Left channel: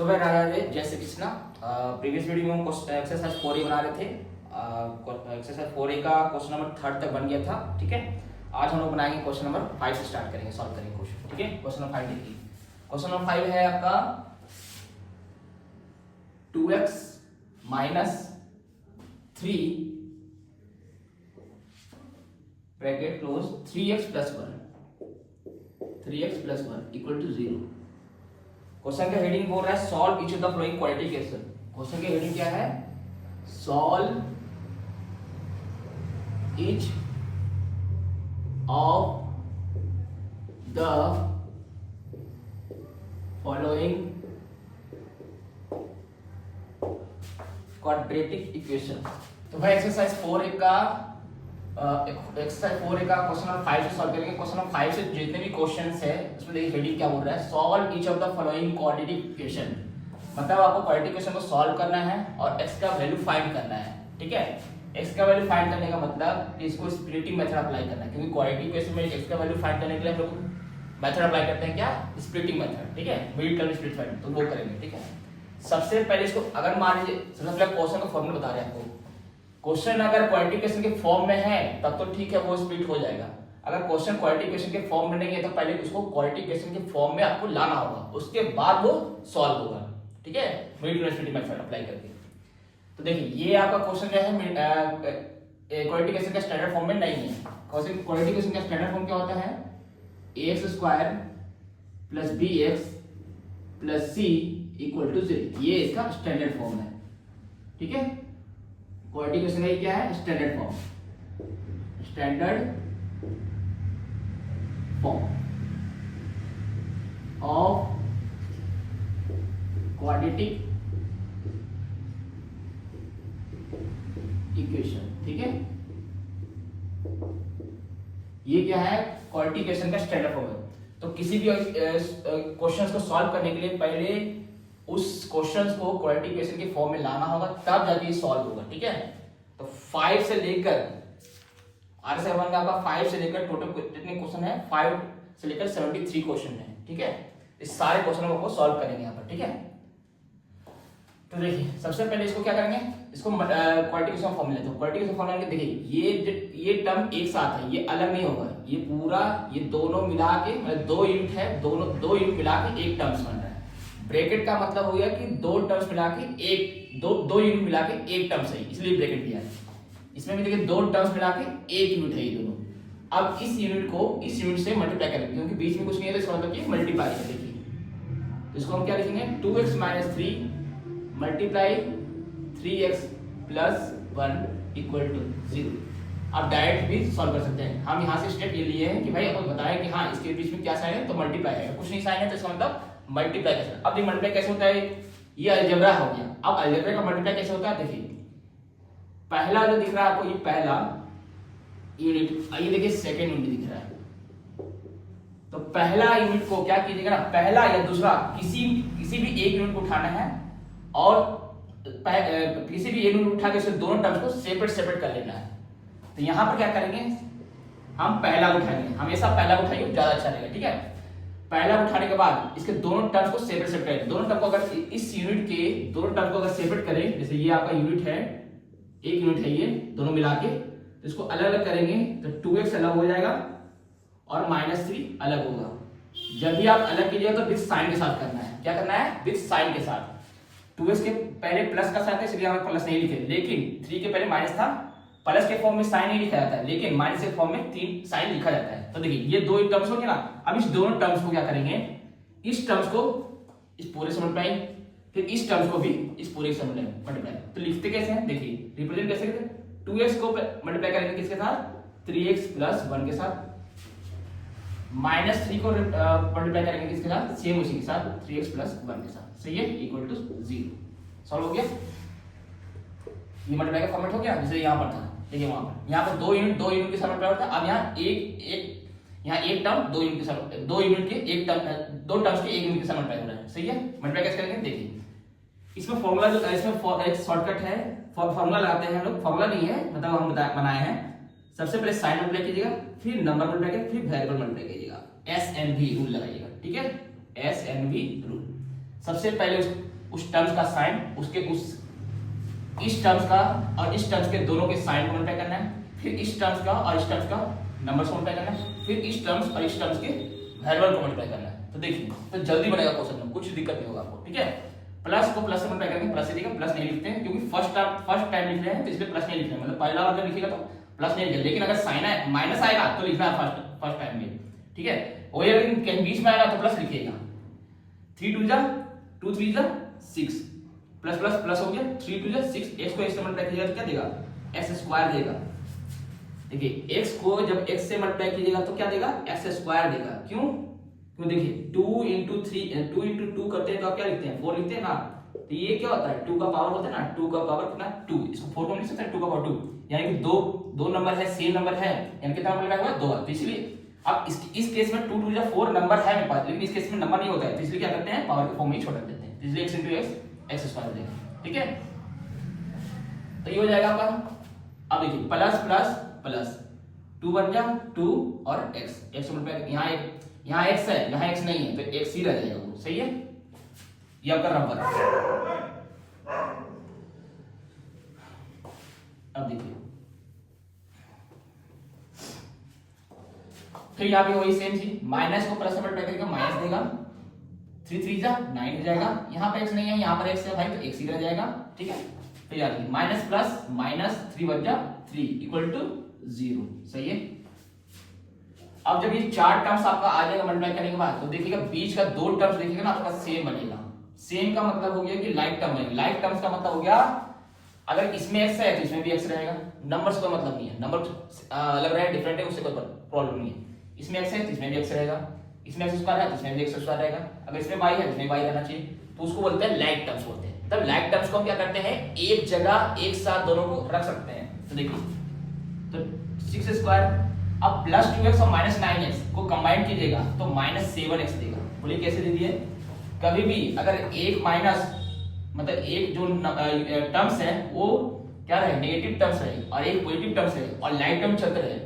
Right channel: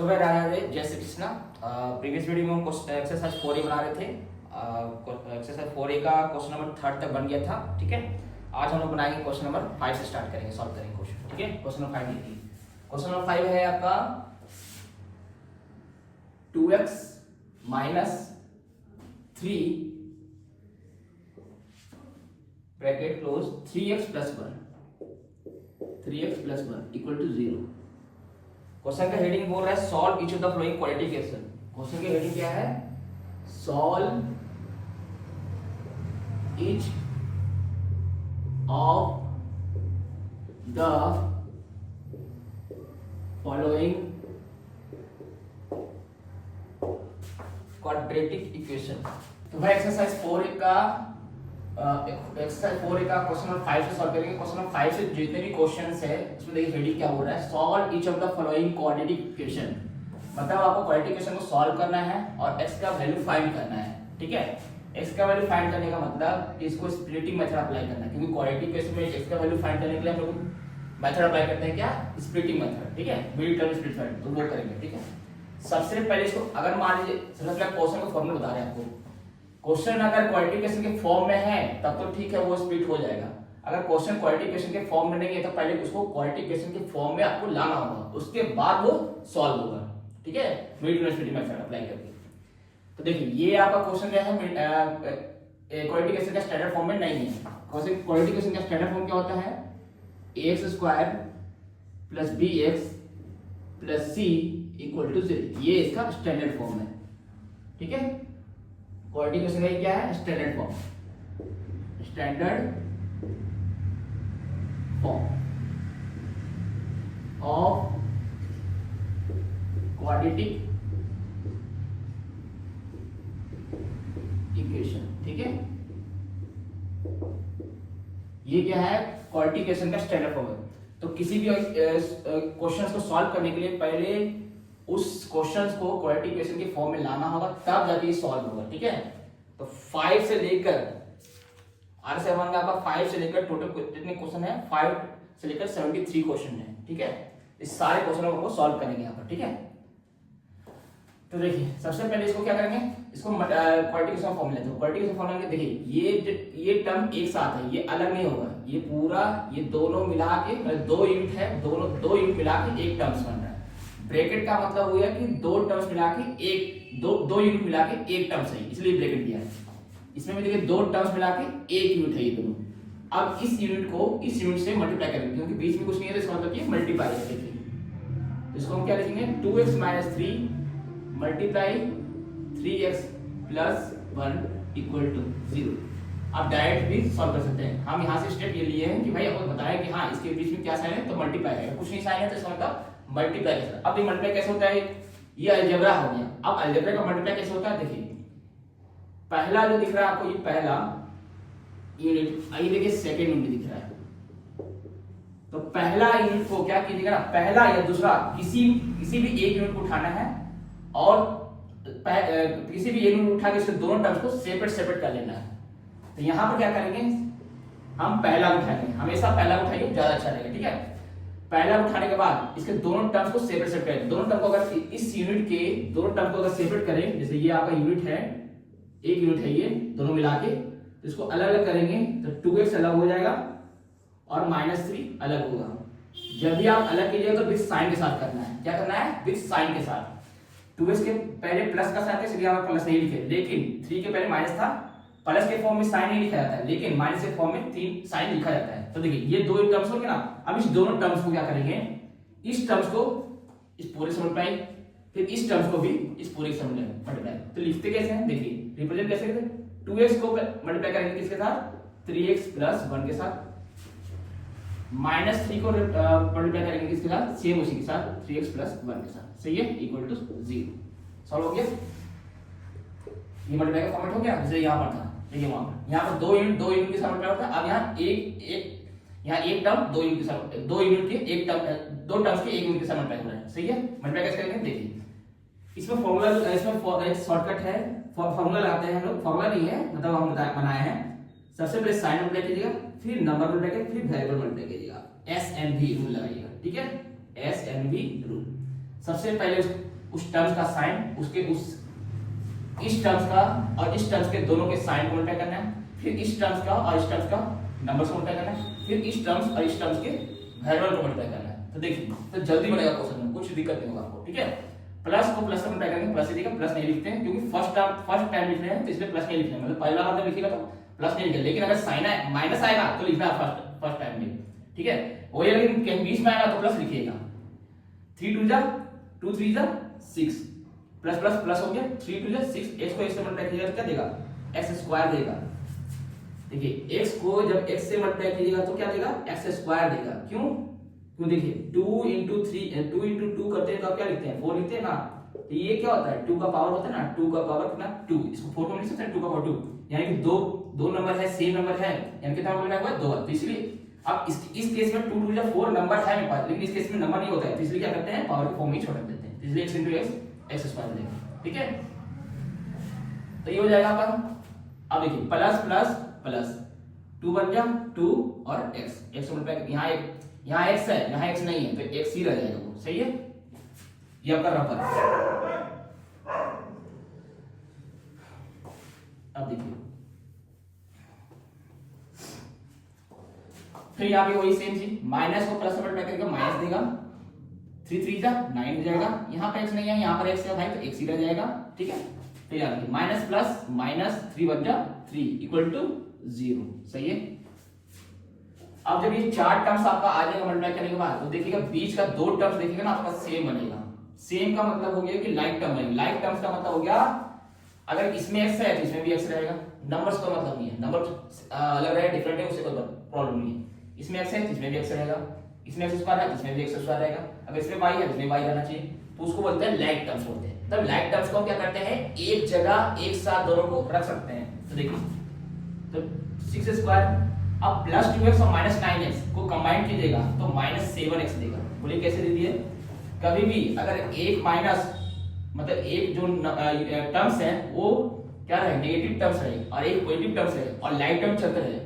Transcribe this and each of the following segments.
तो भाई राधा राधे, जय श्री कृष्णा। प्रीवियस वीडियो में हम एक्सरसाइज 4A बना रहे थे। एक्सरसाइज 4A का क्वेश्चन नंबर 3 तक बन गया था। ठीक है, आज हम लोग बनाएंगे क्वेश्चन नंबर 5 से स्टार्ट करेंगे, सॉल्व करेंगे क्वेश्चन। ठीक है, क्वेश्चन नंबर 5 देखिए। क्वेश्चन नंबर 5 है आपका 2x minus 3 bracket close 3x plus 1 equal to 0। Question का हेडिंग बोल रहा है solve each of the following quadratic equation. Question की हेडिंग क्या है? Solve each of the following quadratic equation. तो भाई एक्सरसाइज 4A का क्वेश्चन नंबर 5 से सॉल्व करेंगे। क्वेश्चन नंबर 5 से जितने भी क्वेश्चंस है उसमें देखिए हेडिंग क्या बोल रहा है, solve each of the following quadratic equation. मतलब आपको क्वाड्रेटिक इक्वेशन को सॉल्व करना है और x का वैल्यू फाइंड करना है। ठीक है, x का वैल्यू फाइंड करने का मतलब इसको स्प्लिटिंग मेथड अप्लाई करना है, क्योंकि क्वाड्रेटिक इक्वेशन में x का वैल्यू फाइंड करने के लिए हम लोग मेथड अप्लाई करते हैं, क्या? Splitting method. ठीक है, मिडिल टर्म स्प्लिट मेथड, तो वो करेंगे। ठीक है, सबसे पहले इसको अगर मान लीजिए सबसे पहले क्वेश्चन का फॉर्मूला बता रहे हैं आपको। क्वेश्चन अगर क्वाड्रेटिक इक्वेशन के फॉर्म में है तब तो ठीक है, वो स्प्लिट हो जाएगा। अगर क्वेश्चन क्वाड्रेटिक इक्वेशन के फॉर्म में नहीं है तो पहले उसको क्वाड्रेटिक इक्वेशन के फॉर्म में आपको लाना होगा, उसके बाद वो सॉल्व होगा। ठीक है, middle term split method apply करके। तो देखिए ये आपका क्वेश्चन क्या है, क्वाड्रेटिक इक्वेशन का स्टैंडर्ड फॉर्म में नहीं है। क्वेश्चन क्वाड्रेटिक इक्वेशन का स्टैंडर्ड फॉर्म क्या होता है? ax² plus bx plus c equal to 0। ये इसका स्टैंडर्ड फॉर्म है। ठीक है, क्वाड्रेटिक इक्वेशन का क्या है? Standard form of quadratic equation. ठीक है, ये क्या है? क्वाड्रेटिक इक्वेशन का स्टैंडर्ड फॉर्म है। तो किसी भी क्वेश्चंस को सॉल्व करने के लिए पहले उस क्वेश्चंस को क्वाड्रेटिक इक्वेशन के फॉर्म में लाना होगा, तब जाके ये सॉल्व होगा। ठीक है, तो 5 से लेकर R7 में आपका 5 से लेकर टोटल कितने क्वेश्चन है? 5 से लेकर 73 क्वेश्चन है। ठीक है, इस सारे क्वेश्चनों को सॉल्व करेंगे यहाँ पर। ठीक है, तो देखिए सबसे पहले इसको क्या करेंगे, इसको क्वाड्रेटिक इक्वेशन फॉर्म लेते हैं। क्वाड्रेटिक इक्वेशन फॉर्म लेंगे। देखिए ये टर्म एक साथ है, ये अलग नहीं होगा, ये पूरा ये दोनों मिला के मतलब 2 यूनिट है, दोनों 2 यूनिट मिला के एक टर्म्स बन रहा है। ब्रैकेट का मतलब हो गया कि 2 टर्म्स मिला के एक दो यूनिट मिला के एक टर्म्स है, इसलिए ब्रैकेट दिया है। इसमें भी देखिए 2 टर्म्स मिला के एक यूनिट है ये दोनों। अब इस यूनिट को इस यूनिट से मल्टीप्लाई करेंगे, क्योंकि बीच में कुछ नहीं है तो इसका मतलब कि मल्टीप्लाई है। देखिए तो इसको हम क्या लिखेंगे? 2x minus 3 multiply 3x plus 1 equal to 0। आप डायरेक्ट भी सॉल्व कर सकते हैं। हम यहाँ से स्टेप ये लिए हैं कि भाई आपको बताएं कि हाँ इसके बीच में क्या साइन है तो मल्टीप्लाई है, कुछ नहीं साइन है तो इसका मतलब मल्टीप्लाई कैसे। अब ये मल्टीप्लाई कैसे होता है? ये अलजेब्रा हो गया। अब अलजेब्रा का मल्टीप्लाई कैसे होता है? देखिए पहला जो दिख रहा है आपको, ये पहला यूनिट, ये देखिए सेकेंड यूनिट दिख रहा है। तो पहला यूनिट को क्या कीजिएगा ना, पहला या दूसरा किसी भी एक यूनिट को उठाना है और किसी भी एक यूनिट उठा के उससे दोनों टर्म्स को सेपरेट कर लेना है। तो यहां पर क्या करेंगे, हम पहला उठाएंगे, हमेशा पहला उठाइए, ज्यादा अच्छा रहेगा। ठीक है, पहला उठाने के बाद इसके दोनों टर्म्स को सेपरेट करें। दोनों टर्म को अगर इस यूनिट के दोनों टर्म को अगर सेपरेट करें, जैसे ये आपका यूनिट है, एक यूनिट है ये दोनों मिला के, तो इसको अलग अलग करेंगे तो 2x अलग हो जाएगा और -3 अलग होगा। जब भी आप अलग कीजिएगा तो विद साइन के साथ करना है। क्या करना है? विद साइन के साथ। 2x के पहले प्लस का साइन था इसलिए हम प्लस नहीं लिखे, लेकिन 3 के पहले माइनस था, प्लस के फॉर्म में साइन नहीं लिखा जाता है, लेकिन माइनस के फॉर्म में 3 साइन लिखा जाता है। तो देखिए ये 2 टर्म्स हो गए ना। अब इस दोनों टर्म्स को क्या करेंगे, इस टर्म्स को इस पूरे से मल्टीप्लाई, फिर इस टर्म्स को भी इस पूरे से मल्टीप्लाई। तो लिखते कैसे हैं? देखिए रिप्रेजेंट कैसे करते हैं? 2x को मल्टीप्लाई करेंगे किसके साथ? 3x प्लस 1 के साथ। -3 को मल्टीप्लाई करेंगे किसके साथ? सेम उसी के साथ 3x प्लस 1 के साथ। सही है, इक्वल टू 0। सॉल्व हो गया। ये मल्टीप्लाई का फॉर्मेट हो गया, जैसे यहाँ पर था। देखिए वहां पर यहाँ पर 2 यूनिट के साथ मल्टीप्लाई होता है। अब यहाँ एक टर्म 2 यूनिट के साथ, 2 यूनिट के एक टर्म, 2 टर्म्स के एक यूनिट के साथ मल्टीप्लाई हो रहा है। सही है, मल्टीप्लाई कैसे करेंगे? देखिए इसमें फॉर्मूला, इसमें एक शॉर्टकट है, फॉर्मूला लगाते हैं हम लोग। फॉर्मूला नहीं है, मतलब हम बनाए हैं। सबसे पहले साइन मल्टीप्लाई कीजिएगा, फिर नंबर मल्टीप्लाई कीजिएगा, फिर वेरिएबल मल्टीप्लाई कीजिएगा। SNV रूल लगाइएगा। ठीक है, SNV रूल। सबसे पहले उस टर्म्स का साइन, उसके उस इस टर्म्स का और इस टर्म्स के दोनों के साइन को मल्टीप्लाई करना है, फिर इस टर्म्स का और इस टर्म्स का नंबर्स को मल्टीप्लाई करना है, फिर इस टर्म्स और इस टर्म्स के वेरिएबल को मल्टीप्लाई करना है। तो देखिए तो जल्दी बनेगा क्वेश्चन में, कुछ दिक्कत नहीं होगा आपको, ठीक है। प्लस को प्लस से मल्टीप्लाई करेंगे, प्लस लिखेगा, प्लस नहीं लिखते हैं क्योंकि फर्स्ट टाइम लिख रहे हैं तो इसलिए प्लस नहीं लिखना है, मतलब पहला बार जब लिखेगा तो प्लस नहीं लिखेगा, लेकिन अगर साइन है माइनस आएगा तो लिखना है फर्स्ट टाइम में, ठीक है। वही अगर कहीं बीच में आएगा तो प्लस लिखिएगा। 3 2 जा 2 3 जा 6 प्लस प्लस प्लस हो गया, 3 2 जा 6, x को x से मल्टीप्लाई कीजिएगा तो क्या देगा, x स्क्वायर देगा। देखिए x को जब x से मल्टीप्लाई कीजिएगा तो क्या देगा, x स्क्वायर देगा। क्यों? क्यों देखिए 2 into 3 2 into 2 करते हैं तो आप क्या लिखते हैं, 4 लिखते हैं ना। तो ये क्या होता है, 2 का पावर होता है ना, 2 का पावर कितना 2, इसको 4 को लिख सकते हैं 2 का पावर 2, यानी कि दो नंबर है, सेम नंबर है, यानी कितना नंबर है 2। तो इसलिए अब इस केस में 2 2 जा 4 नंबर है मेरे पास, लेकिन इस केस में नंबर नहीं होता है, तो इसलिए क्या करते हैं पावर के फॉर्म में ही छोड़ देते हैं, इसलिए x into x स्क्वायर देगा, ठीक है। तो ये हो जाएगा आपका। अब देखिए प्लस प्लस प्लस 2 बन जा 2 और x मल्टीप्लाई, यहाँ x है, यहाँ x नहीं है तो x ही रह जाएगा वो, सही है। ये आपका रबर। अब देखिए फिर यहाँ पे वही सेम चीज, माइनस को प्लस से मल्टीप्लाई करके माइनस देगा, 3 3 जा 9 हो जाएगा, यहाँ पे x नहीं है, यहाँ पर x है भाई तो x ही रह जाएगा, ठीक है। फिर याद रखिए माइनस प्लस माइनस 3 बन जा 3 इक्वल टू 0, सही है। अब जब ये चार टर्म्स आपका आ जाएगा मल्टीप्लाई करने के बाद, तो देखिएगा बीच का दो टर्म्स देखिएगा ना आपका सेम बनेगा। सेम का मतलब हो गया कि लाइक टर्म बनेगा, लाइक टर्म्स का मतलब हो गया अगर इसमें x है तो इसमें भी x रहेगा, नंबर्स का मतलब नहीं है, नंबर अलग रहे डिफरेंट है उससे कोई प्रॉब्लम नहीं है। इसमें x है तो इसमें भी x रहेगा, इसमें x स्क्वायर है तो इसमें भी x स्क्वायर रहेगा, अगर इसमें y है तो इसमें y रहना चाहिए, तो उसको बोलते हैं लाइक टर्म्स बोलते हैं। तब लाइक टर्म्स को हम क्या करते हैं, एक जगह एक साथ दोनों को रख सकते हैं। तो देखिए तो 6 स्क्वायर अब प्लस 2x और माइनस 9x को कंबाइन कीजिएगा तो माइनस 7x देगा। बोलिए कैसे दे दिए, कभी भी अगर एक माइनस मतलब एक जो टर्म्स है वो क्या रहे, नेगेटिव टर्म्स रहे और एक पॉजिटिव टर्म्स रहे और लाइक टर्म चलते रहे,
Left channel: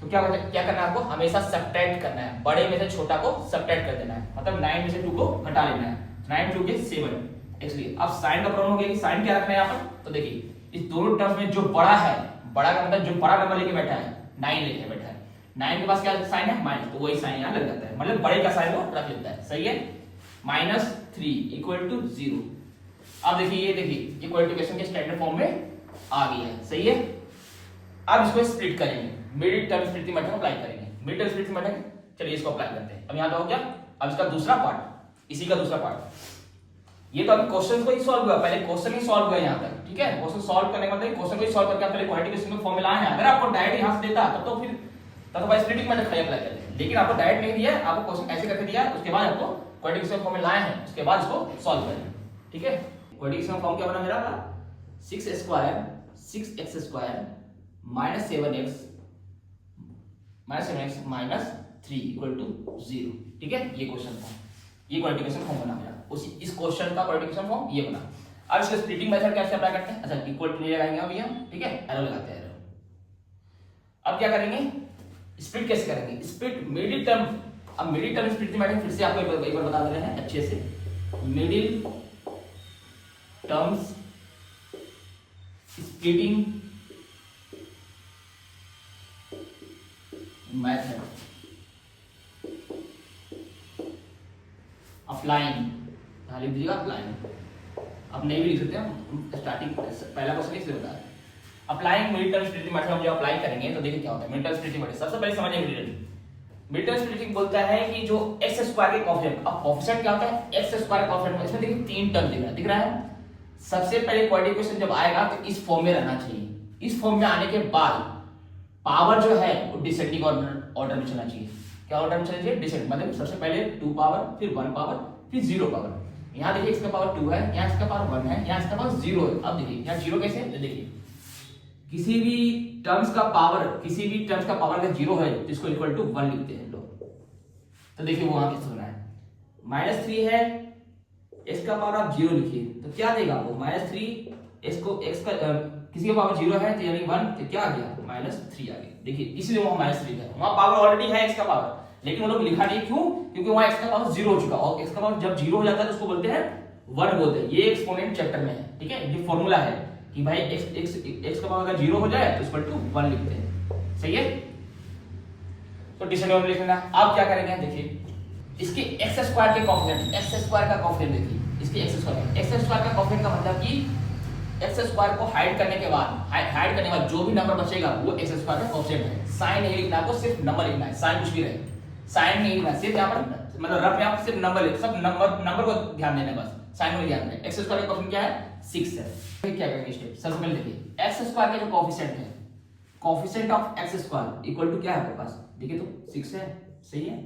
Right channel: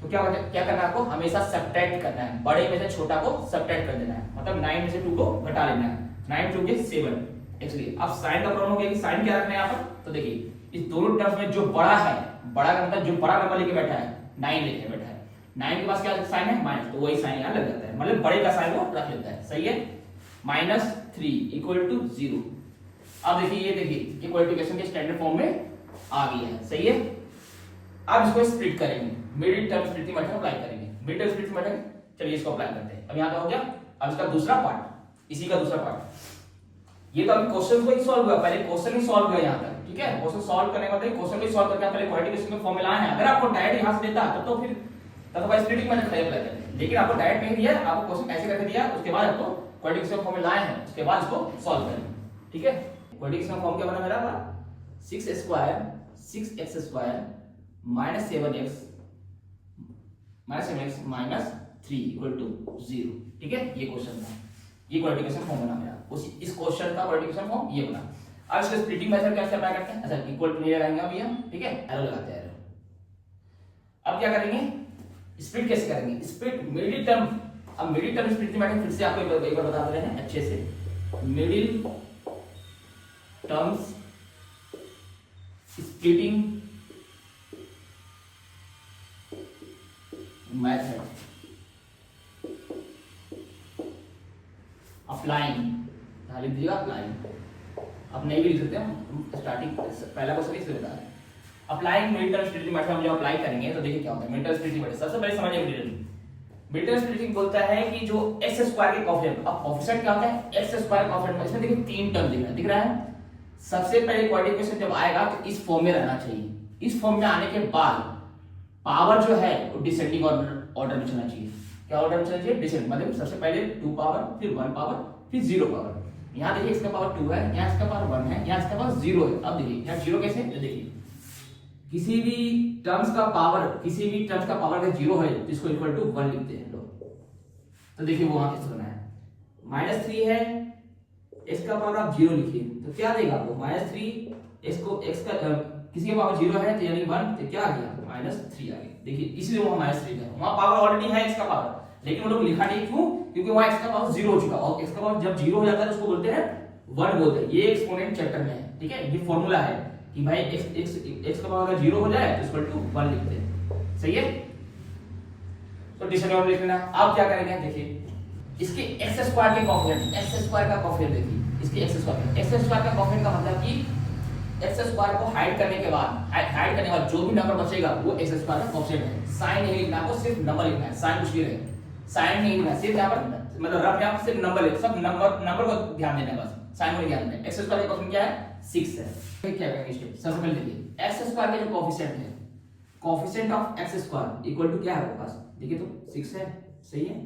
तो क्या करना है आपको, हमेशा सब्ट्रैक्ट करना है, बड़े में से छोटा को सब्ट्रैक्ट कर देना है, मतलब 9 में से 2 को घटा लेना है, 9 2 के 7। एक्चुअली अब साइन का प्रॉब्लम हो गया कि साइन क्या रखना है यहाँ पर, तो देखिए इस दोनों टर्म्स में जो बड़ा है, बड़ा का मतलब जो बड़ा नंबर लेके बैठा है 9 लेके बैठा है, 9 के पास क्या साइन है माइनस, तो वही साइन यहाँ लग जाता है, मतलब बड़े का साइन वो रख लेता है, सही है। -3 इक्वल टू 0। अब देखिए ये क्वालिफिकेशन के स्टैंडर्ड फॉर्म में आ गई है, सही है। अब इसको स्प्लिट करेंगे, middle term splitting method apply करेंगे, मिडिल टर्म स्प्लिटिंग मेथड, चलिए इसको अप्लाई करते हैं। अब यहाँ का हो गया, अब इसका दूसरा पार्ट, इसी का दूसरा पार्ट। ये तो अभी क्वेश्चन को ही सॉल्व हुआ, पहले क्वेश्चन ही सॉल्व हुआ यहाँ तक, ठीक है। क्वेश्चन सॉल्व करने के बाद क्वेश्चन को ही सॉल्व करके आप पहले क्वालिफिकेशन में फॉर्मूला है, अगर आपको डायरेक्ट यहाँ से देता तब तो फिर भाई स्प्लिटिंग मेथड पहले अप्लाई करते हैं, लेकिन आपको डायरेक्ट नहीं दिया, आपको क्वेश्चन ऐसे करके दिया, उसके बाद आपको क्वालिफिकेशन फॉर्मूला लाए हैं, उसके बाद इसको सॉल्व करेंगे, ठीक है। क्वाड्रेटिक फॉर्म क्या बना मेरा था, 6 square 6x square -7x minus 3 equal to 0, ठीक है। ये क्वेश्चन था, ये क्वाड्रेटिक फॉर्म बना मेरा, उसी इस क्वेश्चन का क्वाड्रेटिक फॉर्म ये बना। अब इसका स्प्लिटिंग मेथड कैसे अप्लाई करते हैं, अच्छा इक्वल टू नहीं लगाएंगे अब यहाँ, ठीक है, एरो लगाते हैं एरो। अब क्या करेंगे, स्प्लिट कैसे करेंगे, स्प्लिट मिडिल टर्म। अब मिडिल टर्म स्प्लिटिंग मेथड फिर से आपको एक बार बता दे रहे हैं अच्छे से, middle terms splitting method applying, लिख दीजिएगा अप्लाइंग, अब नहीं भी लिख सकते हम, स्टार्टिंग पहला क्वेश्चन इसलिए बता रहे हैं। Applying middle term splitting method हम जब अप्लाई करेंगे तो देखिए क्या होता है मिडिल टर्म स्प्लिटिंग मेथड। सबसे पहले समझिए मिडिल टर्म स्प्लिटिंग बोलता है कि जो x स्क्वायर के कोएफिशिएंट, अब कोएफिशिएंट क्या होता है, x स्क्वायर का कोएफिशिएंट, इसमें देखिए तीन टर्म दिख रहा है। सबसे पहले क्वाड्रेटिक जब आएगा तो इस फॉर्म में रहना चाहिए, इस फॉर्म में आने के बाद पावर जो है वो डिसेंडिंग ऑर्डर में चलना चाहिए। क्या ऑर्डर में चलना चाहिए, डिसेंडिंग, मतलब सबसे पहले 2 पावर फिर 1 पावर फिर 0 पावर। यहाँ देखिए इसका पावर 2 है, यहाँ इसका पावर 1 है, यहाँ इसका पावर 0 है। अब देखिए यहाँ 0 कैसे, देखिए किसी भी टर्म्स का पावर अगर 0 है तो इसको इक्वल टू 1 लिखते हैं लोग। तो देखिए वो वहां कैसे बना है, -3 है, इसका पावर आप 0 लिखिए तो क्या देगा आपको, -3, इसको x का किसी का पावर 0 है तो यानी 1, तो क्या आ गया -3 आ गया। देखिए इसलिए वो -3 है, वहां पावर ऑलरेडी है x का पावर, लेकिन वो लोग लिखा नहीं, क्यों? क्योंकि वहां x का पावर 0 हो चुका, और x का पावर जब 0 हो जाता है तो उसको बोलते हैं 1 बोलते हैं। ये एक्सपोनेंट चैप्टर में है, ठीक है, ये फॉर्मूला है कि भाई x का पावर अगर 0 हो जाए तो इक्वल टू 1 लिखते हैं, सही है। तो डिसऑर्डर लिखना। अब क्या करेंगे, देखिए इसके x स्क्वायर के कोएफिशिएंट, x स्क्वायर का कोएफिशिएंट देखिए, इसके x स्क्वायर का कोएफिशिएंट का मतलब कि x स्क्वायर को हाइड करने के बाद, हाइड करने के बाद जो भी नंबर बचेगा वो x स्क्वायर का कोएफिशिएंट है। साइन नहीं लिखना, आपको सिर्फ नंबर लिखना है, साइन कुछ भी रहे, साइन नहीं लिखना, सिर्फ यहां पर मतलब रफ में आप सिर्फ नंबर लिख, सब नंबर को ध्यान देना है, बस साइन को नहीं ध्यान देना। x स्क्वायर का कोएफिशिएंट क्या है, 6 है। क्या करेंगे स्टेप, सबसे पहले देखिए x स्क्वायर का जो कोएफिशिएंट है, coefficient of x square equal to क्या है आपके पास, देखिए तो 6 है, सही है।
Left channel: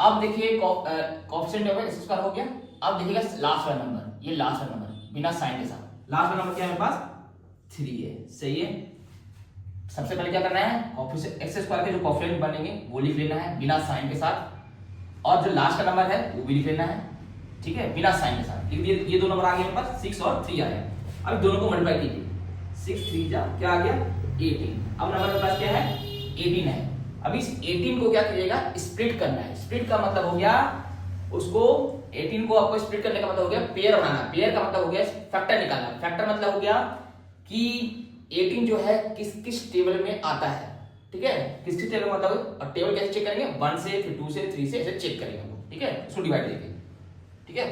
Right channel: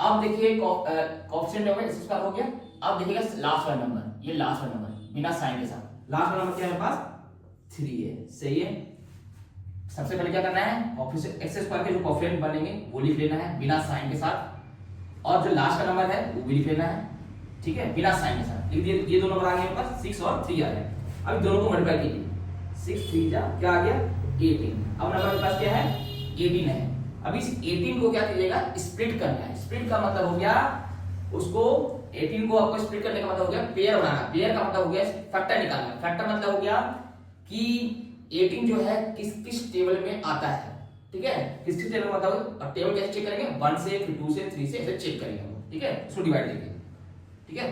अब देखिए कोएफिशिएंट ऑफ x स्क्वायर हो गया। अब देखिएगा लास्ट वाला नंबर, ये लास्ट वाला नंबर बिना साइन के साथ, लास्ट वाला नंबर क्या है मेरे पास 3 है, सही है। सबसे पहले क्या करना है, कोएफिशिएंट x स्क्वायर के जो कोएफिशिएंट बनेंगे वो लिख लेना है बिना साइन के साथ, और जो लास्ट का नंबर है वो भी लिख लेना है, ठीक है, बिना साइन के साथ लिख दिए। ये दो नंबर आ गए मेरे पास, 6 और 3 आ गए। अब दोनों को मल्टीप्लाई कीजिए, 6 3 जा क्या आ गया 18। अब नंबर मेरे पास क्या है 18 है। अब इस 18 को क्या कीजिएगा, स्प्लिट करना है। स्प्लिट का मतलब हो गया उसको, 18 को आपको स्प्लिट करने का मतलब हो गया पेयर बनाना। पेयर का मतलब हो गया फैक्टर निकालना। फैक्टर मतलब हो गया कि 18 जो है किस किस टेबल में आता है, ठीक है, किस किस टेबल में आता है। और टेबल कैसे चेक करेंगे, 1 से, फिर 2 से, 3 से, ऐसे चेक करेंगे हम, ठीक है, उसको डिवाइड करेंगे, ठीक है।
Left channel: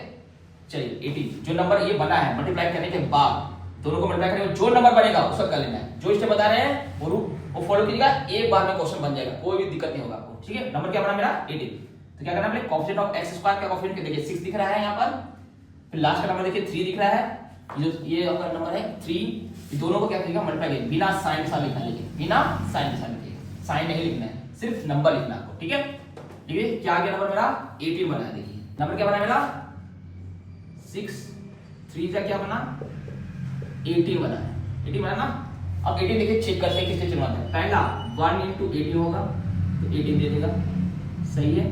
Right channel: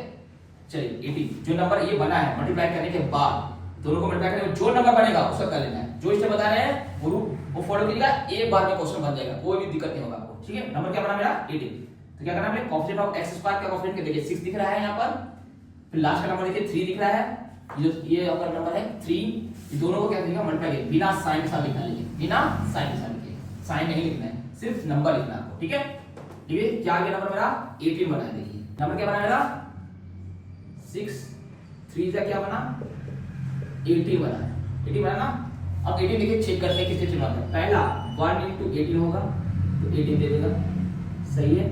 चलिए 18 जो नंबर ये बना है, मल्टीप्लाई करने के बाद दोनों को मल्टीप्लाई करके जो नंबर बनेगा उसका कर लेना है। जो स्टेप बता रहे हैं वो फॉलो कीजिएगा, एक बार में क्वेश्चन बन जाएगा, कोई भी दिक्कत नहीं होगा आपको, ठीक है। नंबर क्या बना मेरा 18। तो क्या करना है, कोएफिशिएंट ऑफ x स्क्वायर का कोएफिशिएंट देखिए 6 दिख रहा है यहाँ पर, फिर लास्ट का नंबर देखिए 3 दिख रहा है, ये आपका नंबर है 3। दोनों को क्या करिएगा, मल्टीप्लाई कीजिए, बिना साइन के साथ लिखना है, बिना साइन के साथ लिखिए, साइन नहीं लिखना है, सिर्फ नंबर लिखना है आपको, ठीक है। देखिए क्या आ गया नंबर मेरा 18 बना है। देखिए नंबर क्या बना मेरा 6 3 का क्या बना 18 बना है, 18 बना ना। अब 18 देखिए चेक करते हैं किससे चिन्हवाते हैं। पहला 1 into 18 होगा तो 18 दे देगा, सही है।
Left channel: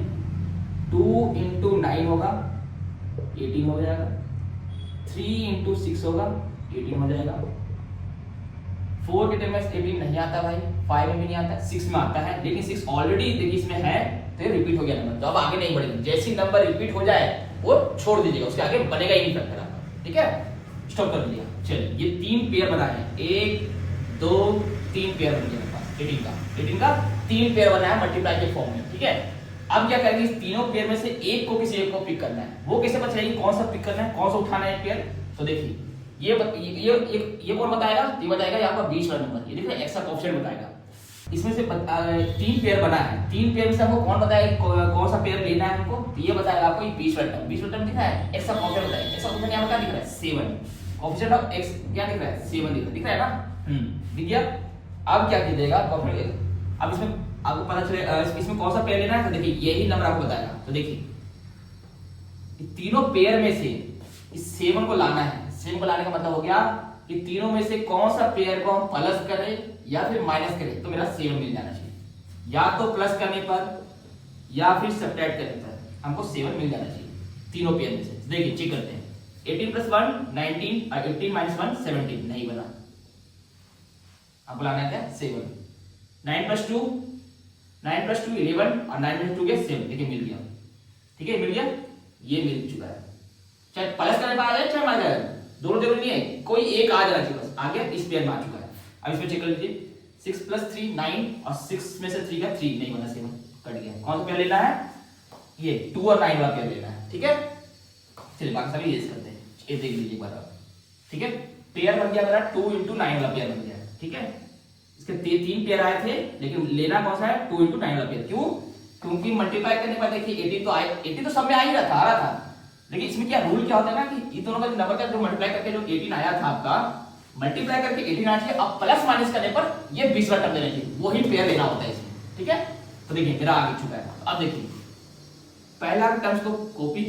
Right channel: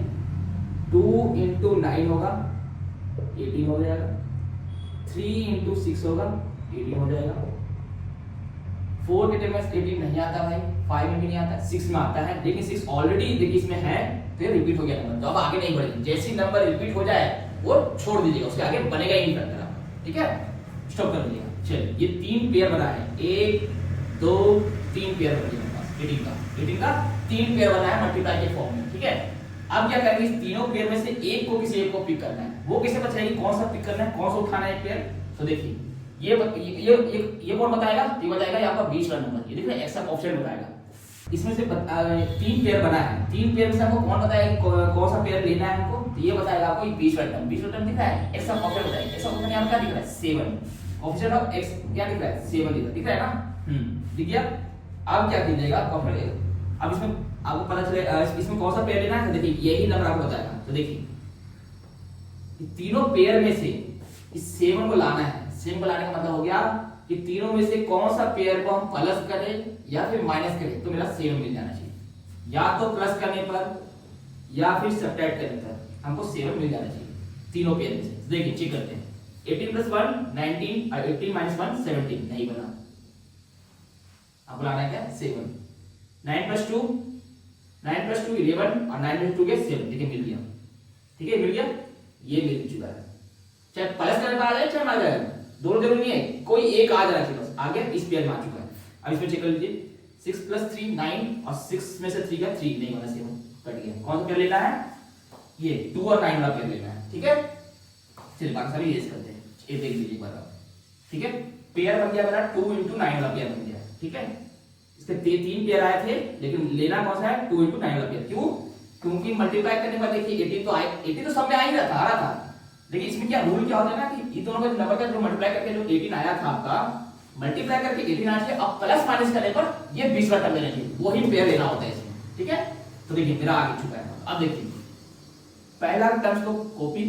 2 into 9 होगा 18 हो जाएगा। 3 into 6 होगा 18 हो जाएगा। 4 के टर्म में 18 नहीं आता भाई, 5 में भी नहीं आता, 6 में आता है, लेकिन 6 ऑलरेडी देखिए इसमें है तो ये रिपीट हो गया नंबर, तो अब आगे नहीं बढ़ेगा। जैसे ही नंबर रिपीट हो जाए वो छोड़ दीजिएगा, उसके आगे बनेगा ही नहीं फैक्टर आपका, ठीक है, स्टॉप कर दीजिए। चलिए ये 3 पेयर बना है, 1 2 3 पेयर बन गया मेरे पास 18 का 3 पेयर बना है मल्टीप्लाई के फॉर्म में, ठीक है। अब क्या करेंगे, इस तीनों पेयर में से एक को किसी एक को पिक करना है। वो कैसे पता चलेगी कौन सा पिक करना है, कौन सा उठाना है पेयर। तो देखिए ये कौन बताएगा, ये बताएगा यहाँ पर 20 वाला नंबर, ये देखिए एक्स्ट्रा ऑप्शन बताएगा। इसमें से 3 पेयर बना है, 3 पेयर में से आपको कौन बताएगा कौन सा पेयर लेना है हमको, तो ये बताएगा आपको 20 वाला टर्म। 20 वाला टर्म दिख रहा है, एक्स्ट्रा ऑप्शन बताएगा। एक्स्ट्रा ऑप्शन यहाँ पर क्या दिख रहा है 7, ऑप्शन ऑफ x क्या दिख रहा है 7 दिख रहा है ना, दिख गया। अब क्या कीजिएगा, अब इसमें आपको पता चले इसमें कौन सा पेयर लेना है, तो देखिए यही नंबर आपको बताएगा। तो देखिए तीनों पेयर में से इस 7 को लाना है। 7 को लाने का मतलब हो गया कि तीनों में से कौन सा पेयर को हम प्लस करें या फिर माइनस करें, तो मेरा 7 मिल जाना चाहिए। या तो प्लस करने पर या फिर सब्ट्रैक्ट करने पर हमको 7 मिल जाना चाहिए तीनों पेयर में से। देखिए चेक करते हैं, 18 + 1 19 और 18 - 1 17 नहीं बना, अब लाना है क्या 7। 9 + 2 11 और 9 + 2 के 7, देखिए मिल गया, ठीक है, मिल गया, ये मिल चुका है। चाहे प्लस करने पर आ जाए चाहे माइनस आ जाए, दोनों जरूरी नहीं है, कोई एक आ जाना चाहिए बस, आ गया, इस पेयर में आ चुका है। अब इसमें चेक कर लीजिए, 6 + 3 9 और 6 में से 3 का 3 नहीं बना, 7 कट गया। कौन सा पेयर लेना है, ये 2 और 9 वाला पेयर लेना है, ठीक है। चलिए बाकी सभी ये करते हैं, ये देख लीजिए एक बार, ठीक है। पेयर बन गया मेरा 2 × 9 वाला पेयर बन गया, ठीक है। इसके 3 पेयर आए थे, लेकिन लेना कौन सा है 2 × 9 वाला पेयर। क्यों, क्योंकि मल्टीप्लाई करने पर देखिए 18 तो आए, 18 तो सब में आ ही रहा था, आ रहा था। लेकिन इसमें क्या रूल क्या होता है ना कि इन दोनों का नंबर का जो मल्टीप्लाई करके जो 18 आया था आपका, मल्टीप्लाई करके 18 आया था, अब प्लस माइनस करने पर ये 20 वाला टर्म लेना चाहिए, वही पेयर लेना होता है इसमें, ठीक है। तो देखिए मेरा आगे चुका है। अब देखिए पहला टर्म्स को कॉपी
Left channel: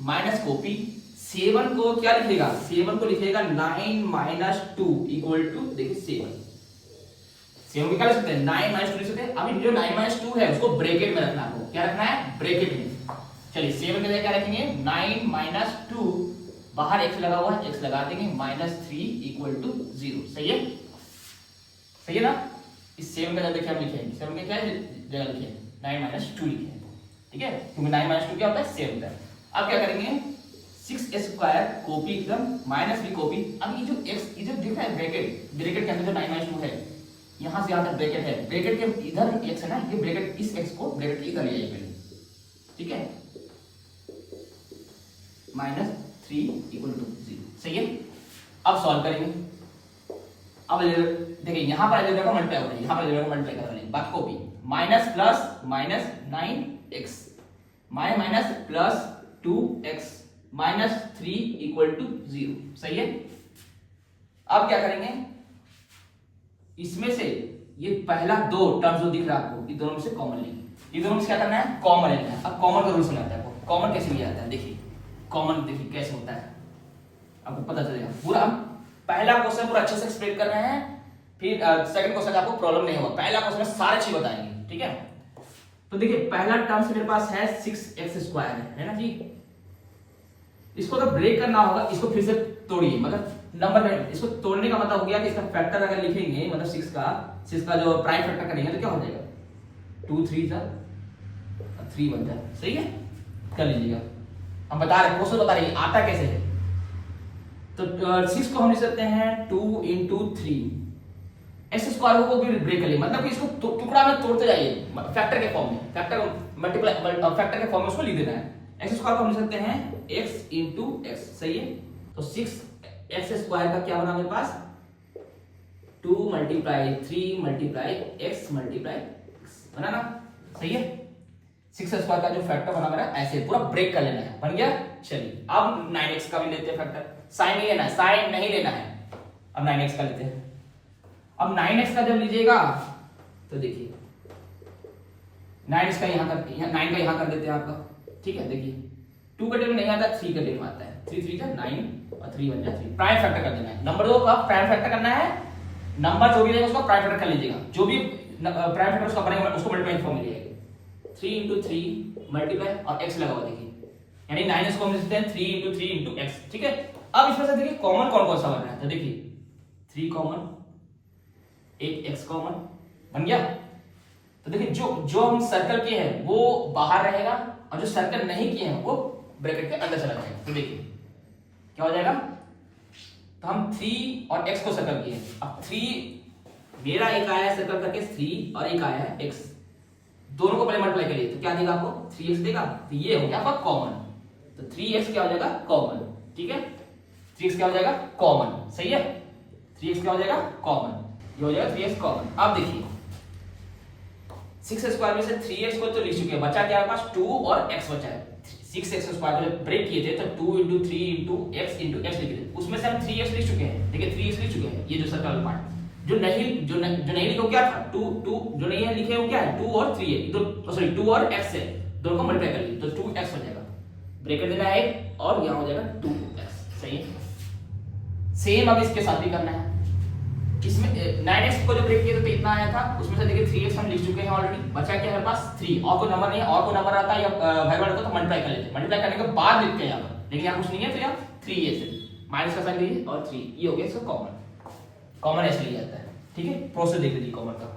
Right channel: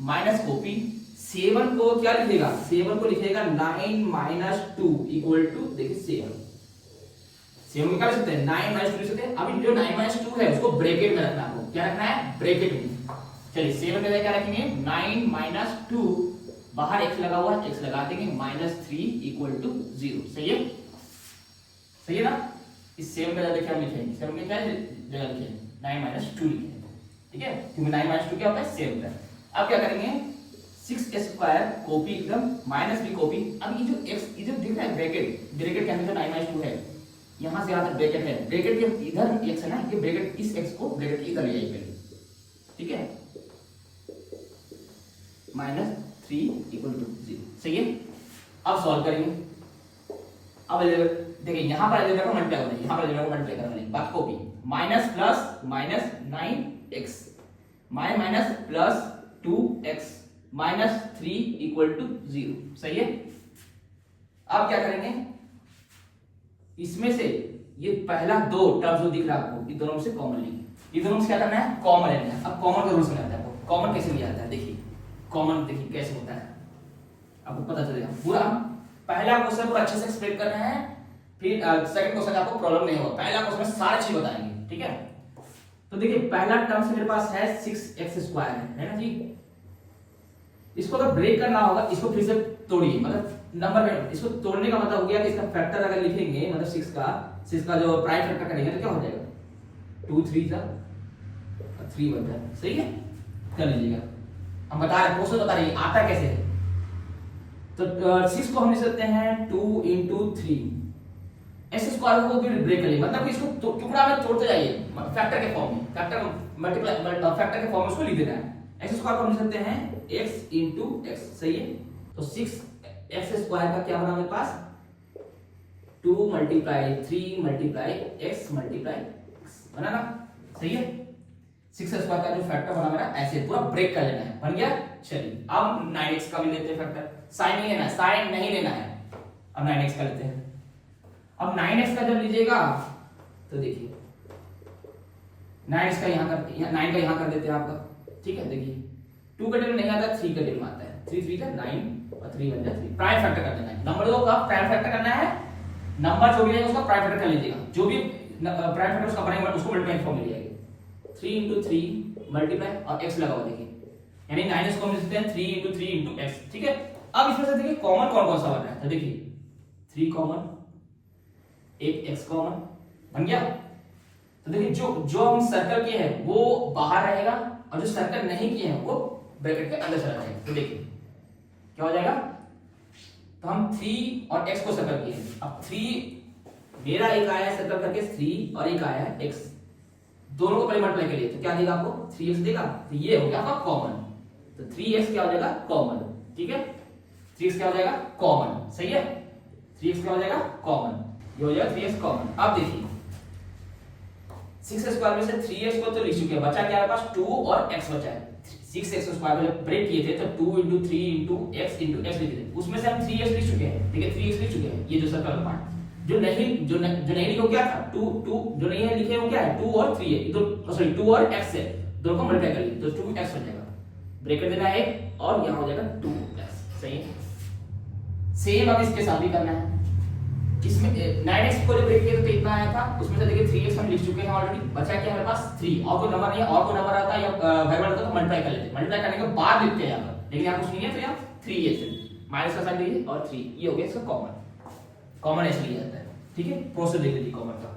माइनस कॉपी, 7 को क्या लिखेगा, 7 को लिखेगा 9 - 2 = देखिए 7 को क्या लिख सकते हैं 9 - 2 लिख सकते हैं। अब जो 9 - 2 है उसको ब्रैकेट में रखना है, आपको क्या रखना है ब्रैकेट में। चलिए 7 के लिए क्या रखेंगे 9 - 2, बाहर x लगा हुआ है, x लगा देंगे, -3 = 0, सही है, सही है ना। इस 7 का जगह देखिए हम लिखेंगे, 7 के क्या जगह लिखेंगे 9 माइनस 2 लिखे हैं, ठीक है, क्योंकि 9 माइनस 2 क्या होता है, सेम होता है। अब क्या करेंगे, 6x² कॉपी एकदम, माइनस भी कॉपी। अब ये जो x, ये जो दिख रहा है ब्रैकेट, ब्रैकेट के अंदर जो 9 माइनस 2 है, यहाँ से यहाँ तक ब्रैकेट है, ब्रैकेट के इधर x है ना, ये ब्रैकेट, इस x को ब्रैकेट के इधर ले जाइए पहले, ठीक है, -3 = 0, सही है। अब सॉल्व करेंगे। अब देखिए यहाँ पर देखो मल्टीप्लाई हो रही है, यहाँ पर देखो मल्टीप्लाई करने वाली बात copy, minus plus minus 9x minus plus 2x minus 3 = 0, सही है। अब क्या करेंगे, इसमें से ये पहला दो टर्म जो दिख रहा है आपको, ये दोनों में से कॉमन लेंगे, ये दोनों में से क्या करना है, कॉमन लेना है। अब कॉमन का रूल समझ आता है आपको, कॉमन कैसे लिया जाता है, देखिए कॉमन देखिए कैसे होता है, आपको पता चलेगा पूरा। पहला क्वेश्चन पूरा अच्छे से एक्सप्लेन कर रहे हैं, फिर सेकंड क्वेश्चन आपको प्रॉब्लम नहीं होगा, पहला क्वेश्चन में सारी चीज बताएंगे, ठीक है। तो देखिए पहला टर्म से मेरे पास है 6x² है ना जी, इसको अगर ब्रेक करना होगा, इसको फिर से तोड़िए, मतलब नंबर में इसको तोड़ने का मतलब हो गया कि इसका फैक्टर अगर लिखेंगे, मतलब 6 का जो प्राइम फैक्टर करेंगे तो क्या हो जाएगा, 2 3 3 बन जाए, सही है, कर लीजिएगा। हम बता रहे हैं, क्वेश्चन बता रहे हैं आता कैसे है। तो 6 को हम लिख सकते हैं 2 × 3, x² को भी ब्रेक कर लिए, मतलब कि इसको टुकड़ा में तोड़ते जाइए, फैक्टर के फॉर्म में, फैक्टर मल्टीप्लाई फैक्टर के फॉर्म में उसको लिख देना है। x² को हम लिख सकते हैं x × x, सही है। तो 6x² का क्या बना मेरे पास, 2 × 3 × x बना ना, सही है। 6x² का जो फैक्टर बना मेरा ऐसे पूरा ब्रेक कर लेना है, बन गया। चलिए अब 9x का भी लेते हैं फैक्टर, साइन नहीं लेना है, साइन नहीं लेना है, अब 9x का लेते हैं। अब 9x का जब लीजिएगा तो देखिए 9x का यहाँ कर, 9 का यहाँ कर देते हैं आपका, ठीक है। देखिए 2 का टेबल नहीं आता, 3 का टेबल आता है, 3 3 का 9 और 3 बन जाए 3, प्राइम फैक्टर कर देना है। नंबर 2 का प्राइम फैक्टर करना है, नंबर जो भी रहेगा उसका प्राइम फैक्टर कर लीजिएगा, जो भी प्राइम फैक्टर उसका बनेगा उसको मल्टीप्लाई फॉर्म में ले जाएंगे, 3 × 3 मल्टीप्लाई और x लगा हुआ देखिए, यानी 9x को हम लिख सकते हैं 3 × 3 × x, ठीक है। अब इसमें से देखिए कॉमन कौन कौन सा बन रहा है, तो देखिए 3 कॉमन, एक x कॉमन बन गया। तो देखिए जो हम सर्कल किए हैं वो बाहर रहेगा, और जो सर्कल नहीं किए हैं वो ब्रैकेट के अंदर चला जाएगा। तो देखिए क्या हो जाएगा, तो हम 3 और x को सर्कल किए, अब 3 मेरा एक आया है सर्कल करके 3 और एक आया है x, दोनों को पहले मल्टीप्लाई करिए तो क्या देगा आपको, 3x देगा, तो ये हो गया आपका कॉमन। तो 3x क्या हो जाएगा, कॉमन, ठीक है, 3x क्या हो जाएगा, कॉमन, सही है, 3x क्या हो जाएगा, कॉमन, ये हो जाएगा 3x कॉमन। अब देखिए 6x² में से 3x को तो लिख चुके हैं, बचा क्या है पास 2 और x बचा है। 6x² को ब्रेक किए थे तो 2 × 3 × x लिखे थे, उसमें से हम 3x लिख चुके हैं, देखिए 3x लिख चुके हैं, ये जो सर्कल पार्ट। जो नहीं लिखो क्या था, 2 जो नहीं है लिखे वो क्या है, 2 और 3 है, इधर सॉरी 2 और x है, दोनों को मल्टीप्लाई कर लीजिए तो 2x हो जाएगा, ब्रैकेट देना है और यहां हो जाएगा 2x, सही है। सेम अब इसके साथ भी करना है, इसमें 9x को जो ब्रेक किया तो इतना आया था, उसमें से देखिए 3x हम लिख चुके हैं ऑलरेडी, बचा क्या है हमारे पास 3, और कोई नंबर नहीं है, और कोई नंबर आता है या वेरिएबल को तो मल्टीप्लाई कर लेते हैं, मल्टीप्लाई करने के बाद लिखते हैं यहां, लेकिन यहां कुछ नहीं है तो यहां 3 है, माइनस का साइन दीजिए और 3, ये हो गया इसका कॉमन ऐसे लिया जाता है, ठीक है। प्रोसेस देख लीजिए कॉमन का।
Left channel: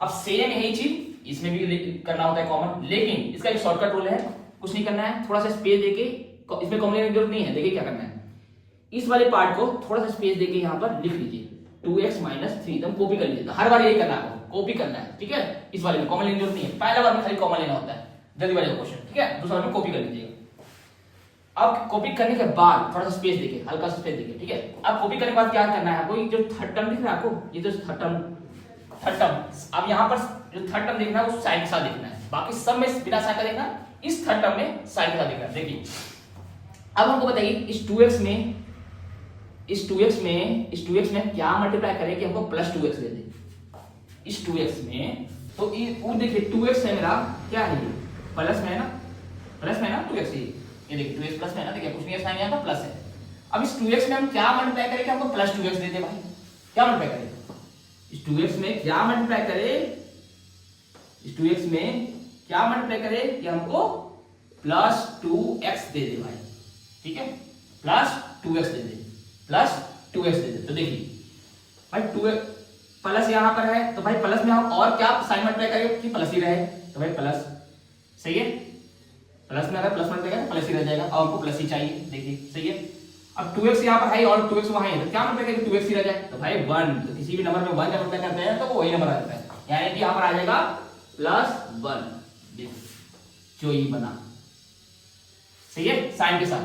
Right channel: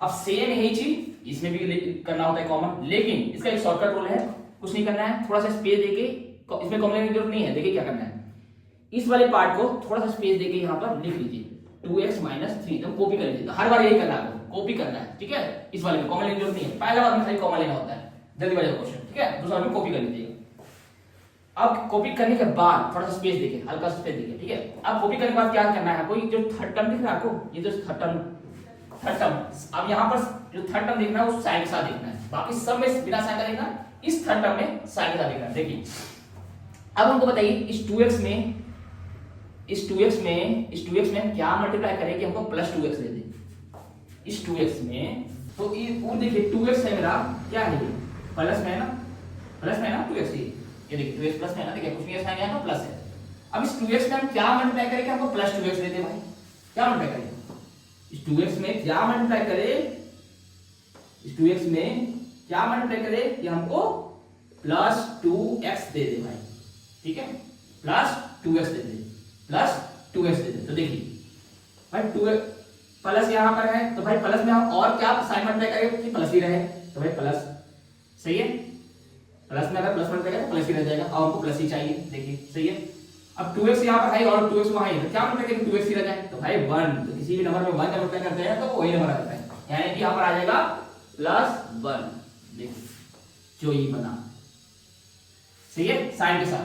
अब सेम यही चीज इसमें भी करना होता है कॉमन, लेकिन इसका एक शॉर्टकट रूल है, कुछ नहीं करना है, थोड़ा सा स्पेस देके, इसमें कॉमन लेने की जरूरत नहीं है। देखिए क्या करना है, इस वाले पार्ट को थोड़ा सा स्पेस देके यहाँ पर लिख लीजिए 2x - 3, तो कॉपी कर लीजिए, हर बार यही करना है आपको, कॉपी करना है, ठीक है। इस वाले में कॉमन लेने की जरूरत नहीं है, पहला बार में खाली कॉमन लेना होता है, जल्दी वाले क्वेश्चन, ठीक है, दूसरा में कॉपी कर लीजिएगा। अब कॉपी करने के बाद थोड़ा सा स्पेस देके, हल्का सा स्पेस देके, ठीक है। अब कॉपी करने के बाद क्या करना है, कोई जो थर्ड टर्म दिख रहा है आपको, ये जो थर्ड टर्म, अब यहाँ पर जो थर्ड टर्म देखना है वो साइन के साथ देखना है, बाकी सब में बिना साइन का देखना है, इस थर्ड टर्म में साइन के साथ देखना है। देखिए अब हमको बताइए इस 2x में क्या मल्टीप्लाई करें कि हमको +2x दे दे, इस 2x में, तो वो देखिए 2x है मेरा, क्या है प्लस में है ना 2x, ये देखिए 2x प्लस में है ना, देखिए कुछ भी साइन यहाँ पर प्लस है। अब इस 2x में हम क्या मल्टीप्लाई करें कि हमको +2x दे दे भाई, क्या मल्टीप्लाई करें, इस 2x में क्या मल्टीप्लाई करें, इस 2x में क्या मल्टीप्लाई करें कि हमको +2x दे दे भाई, ठीक है, +2x दे दे, +2x दे दे। तो देखिए भाई 2x प्लस यहाँ पर है, तो भाई प्लस में हम और क्या साइन मल्टीप्लाई करेंगे कि प्लस ही रहे, तो भाई प्लस, सही है, प्लस में अगर प्लस वन रहेगा प्लस ही रह जाएगा और हमको प्लस ही चाहिए, देखिए सही है। अब 2x यहाँ पर है और 2x वहां है, तो क्या मतलब है कि 2x ही रह जाए, तो भाई 1, तो किसी भी नंबर में 1 जब अप्लाई करते हैं तो वो वही नंबर आ जाता है, यानी कि यहाँ पर आ जाएगा +1, देखिए जो ये बना, सही है, साइन के साथ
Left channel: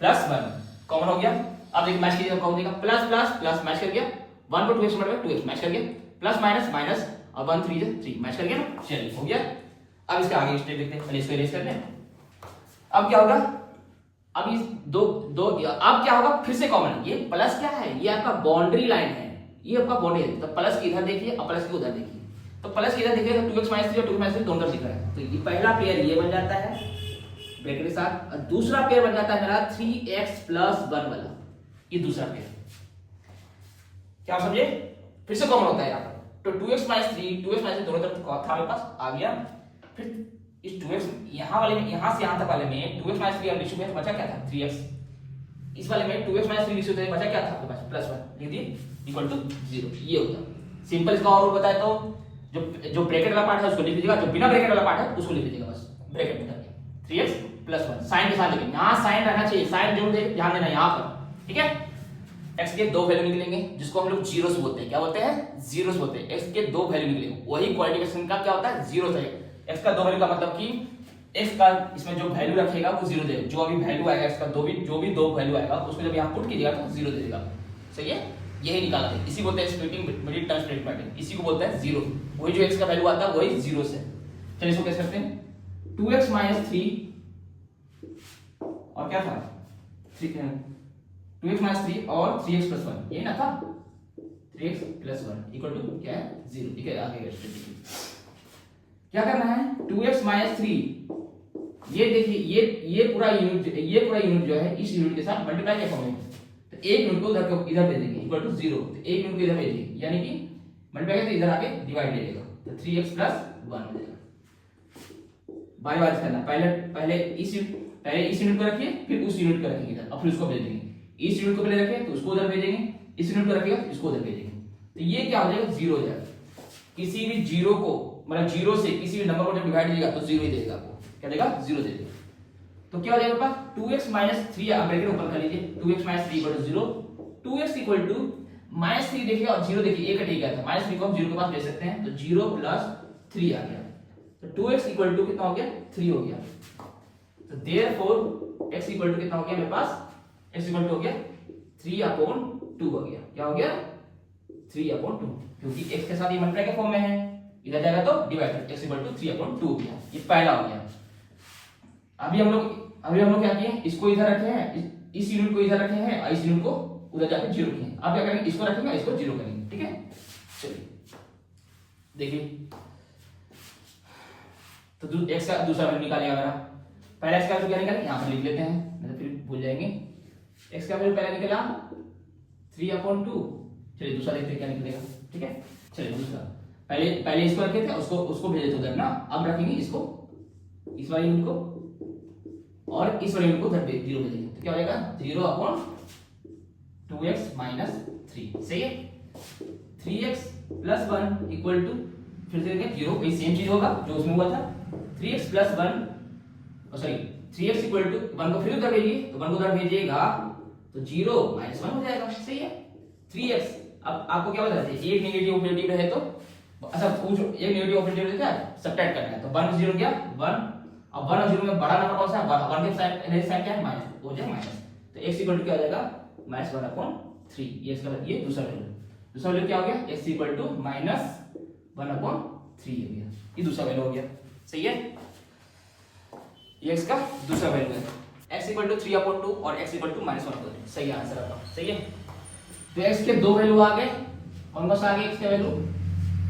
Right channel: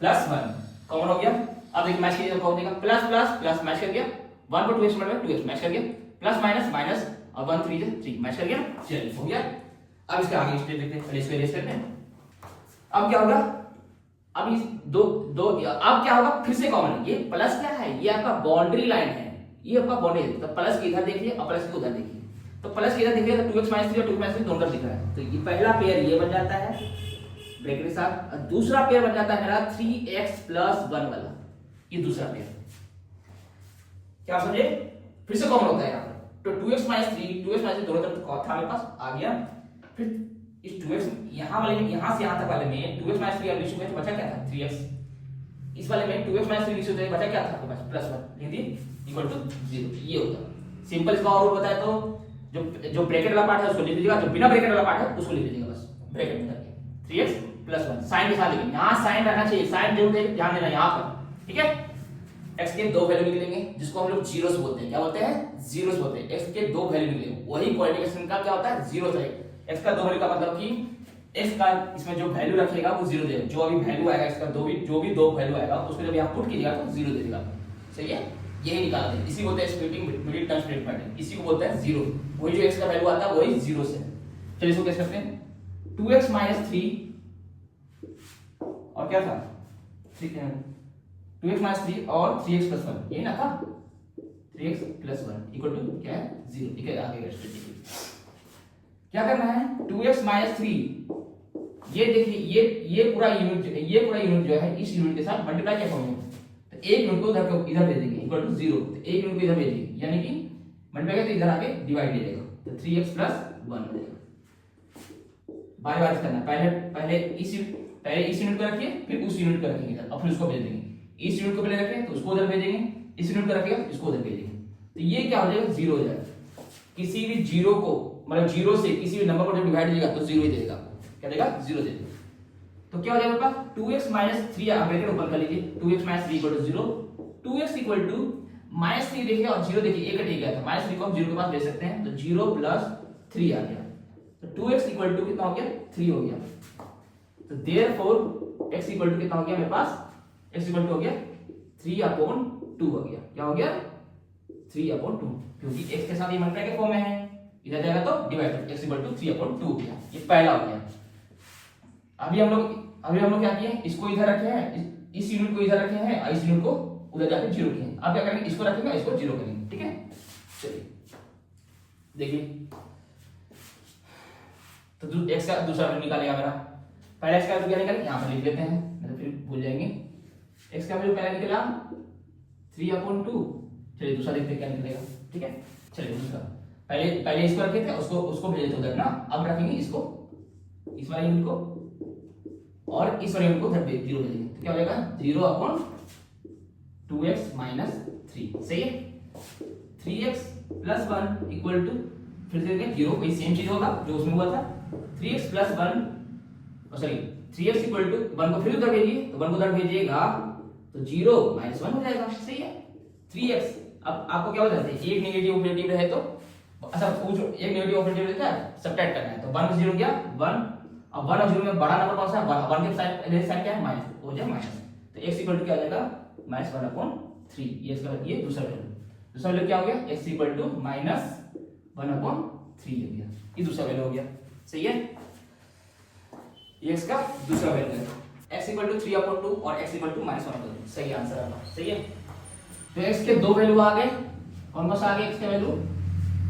+1 कॉमन हो गया। अब एक मैच कीजिए, कॉमन देगा प्लस प्लस प्लस मैच कर गया, 1 को 2x मल्टीप्लाई 2x मैच कर गया, प्लस माइनस माइनस और 1 3 3 मैच कर गया ना, चलिए हो गया। अब इसके आगे स्टेप देखते हैं, पहले इसको इरेज करते हैं। अब क्या होगा, अब इस दो अब क्या होगा, फिर से कॉमन, ये प्लस क्या है, ये आपका बाउंड्री लाइन है, ये आपका बाउंड्री है, तो प्लस के इधर देखिए और प्लस के उधर देखिए, तो प्लस के इधर देखिए तो 2x - 3 और 2x - 3 दोनों तरफ दिख रहा है, तो ये पहला पेयर ये बन जाता है ब्रैकेट के साथ, और दूसरा पेयर बन जाता है मेरा 3x + 1 वाला, ये दूसरा पेयर, क्या समझे, फिर से कॉमन होता है यहाँ पर, तो 2x - 3 दोनों तरफ था मेरे पास आ गया, फिर इस 2x यहाँ वाले में, यहाँ से यहाँ तक वाले में 2x - 3 लिख चुके हैं, तो बचा क्या था 3x, इस वाले में 2x - 3 लिख चुके हैं, बचा क्या था आपके पास +1 लिख दिए इक्वल टू 0, ये होता सिंपल। इसका और बताए तो जो ब्रैकेट वाला पार्ट है उसको लिख लीजिएगा, जो बिना ब्रैकेट वाला पार्ट है उसको लिख लीजिएगा बस ब्रैकेट में करके 3x + 1 साइन के साथ, लेकिन यहाँ साइन रहना चाहिए, साइन जरूर ध्यान देना यहाँ पर, ठीक है। x के दो वैल्यू निकलेंगे जिसको हम लोग जीरोस बोलते हैं, क्या बोलते हैं, जीरोस बोलते हैं, x के दो वैल्यू निकलेंगे, वही क्वाड्रेटिक का क्या होता है, जीरो है। x का दो वैल्यू का मतलब कि x का इसमें जो वैल्यू रखेगा वो जीरो देगा, जो अभी वैल्यू आएगा x का जो भी दो वैल्यू आएगा उसको जब यहाँ पुट कीजिएगा तो जीरो दे देगा, सही है, यही निकालते हैं, इसी बोलते हैं स्प्लिटिंग मिडिल टर्म स्टेटमेंट, इसी को बोलते हैं जीरो, वही जो x का वैल्यू आता है वही जीरो से। चलिए इसको कैसे करते हैं, 2x - 3 और क्या था 2x - 3 और 3x + 1, ये ना था 3x + 1 इक्वल टू क्या है 0, ठीक है। आगे क्या करना है, 2x - 3, ये देखिए ये पूरा यूनिट जो है इस यूनिट के साथ मल्टीप्लाई क्या होंगे, तो एक यूनिट को इधर दे देंगे इक्वल टू 0, तो एक यूनिट को इधर भेजेंगे, यानी कि मल्टीप्लाई करके इधर आके डिवाइड ले लेगा, तो 3x + 1 हो जाएगा। बार बार करना, पहले इस यूनिट को रखिए, फिर उस यूनिट को रखेंगे इधर और फिर उसको भेज देंगे, इस यूनिट को पहले रखें तो उसको उधर भेजेंगे, इस यूनिट को रखेगा इसको उधर भेजेंगे, तो ये क्या हो जाएगा 0 हो जाएगा। किसी भी जीरो को मतलब जीरो से किसी भी नंबर को जब डिवाइड कीजिएगा तो 0 ही देगा आपको, क्या देगा 0 दे देगा। तो क्या हो जाएगा पास 2x - 3 आप ब्रैकेट ऊपर कर लीजिए, 2x - 3 = 0, 2x = -3 देखिए और 0 देखिए एक कट गया था, -3 को हम 0 के पास ले सकते हैं, तो 0 + 3 आ गया, तो 2x = कितना हो गया 3 हो गया, तो देयरफॉर x = कितना हो गया मेरे पास, x = हो गया 3/2 हो गया, क्या हो गया 3/2, क्योंकि x के साथ ये मल्टीप्लाई के फॉर्म में है, इधर जाएगा तो डिवाइड, x = 3/2 हो गया, ये पहला हो गया। अभी हम लोग क्या किए, इसको इधर रखे हैं, इस यूनिट को इधर रखे हैं और इस यूनिट को उधर जाके 0 किए हैं। अब क्या करेंगे, इसको रखेंगे इसको 0 करेंगे, ठीक है। चलिए देखिए, तो x का दूसरा वैल्यू निकालेगा मेरा, पहले x का वैल्यू क्या निकालेंगे, यहां पर लिख लेते हैं नहीं तो फिर भूल जाएंगे। x का वैल्यू पहला निकला 3/2, चलिए दूसरा देखते हैं क्या निकलेगा, ठीक है। चलिए दूसरा, पहले इसको रखे थे, उसको भेजे थे उधर ना, अब रखेंगे इसको, इस वाले यूनिट को और इस वाले यूनिट को उधर 0 भेजेंगे, तो क्या हो जाएगा 0/2x - 3, सही है। 3x + 1 इक्वल टू, फिर से देखें 0, वही सेम चीज होगा जो उसमें हुआ था, 3x + 1 सॉरी 3x = 1 को फिर उधर भेजिए, तो 1 को उधर भेजिएगा तो 0 - 1 हो जाएगा, सही है। 3x, अब आपको क्या बोला जाता है, एक नेगेटिव ऑपरेटिव रहे तो अच्छा पूछो, एक नेगेटिव ऑपरेटिव रहता है सब्ट्रैक्ट करना है, तो 1 से 0 गया 1, अब 1 और 0 में बड़ा नंबर कौन सा है, 1 के साइन क्या है माइनस, हो जाए माइनस, तो x = क्या हो जाएगा -1/3, ये इसका ये दूसरा वैल्यू क्या हो गया, x = -1/3 हो गया, ये दूसरा वैल्यू हो गया, सही है। ये इसका दूसरा वैल्यू है, x = 3/2 और x = -1/3, सही आंसर आता है, सही है। तो x के दो वैल्यू आ गए, कौन सा आ गया x का वैल्यू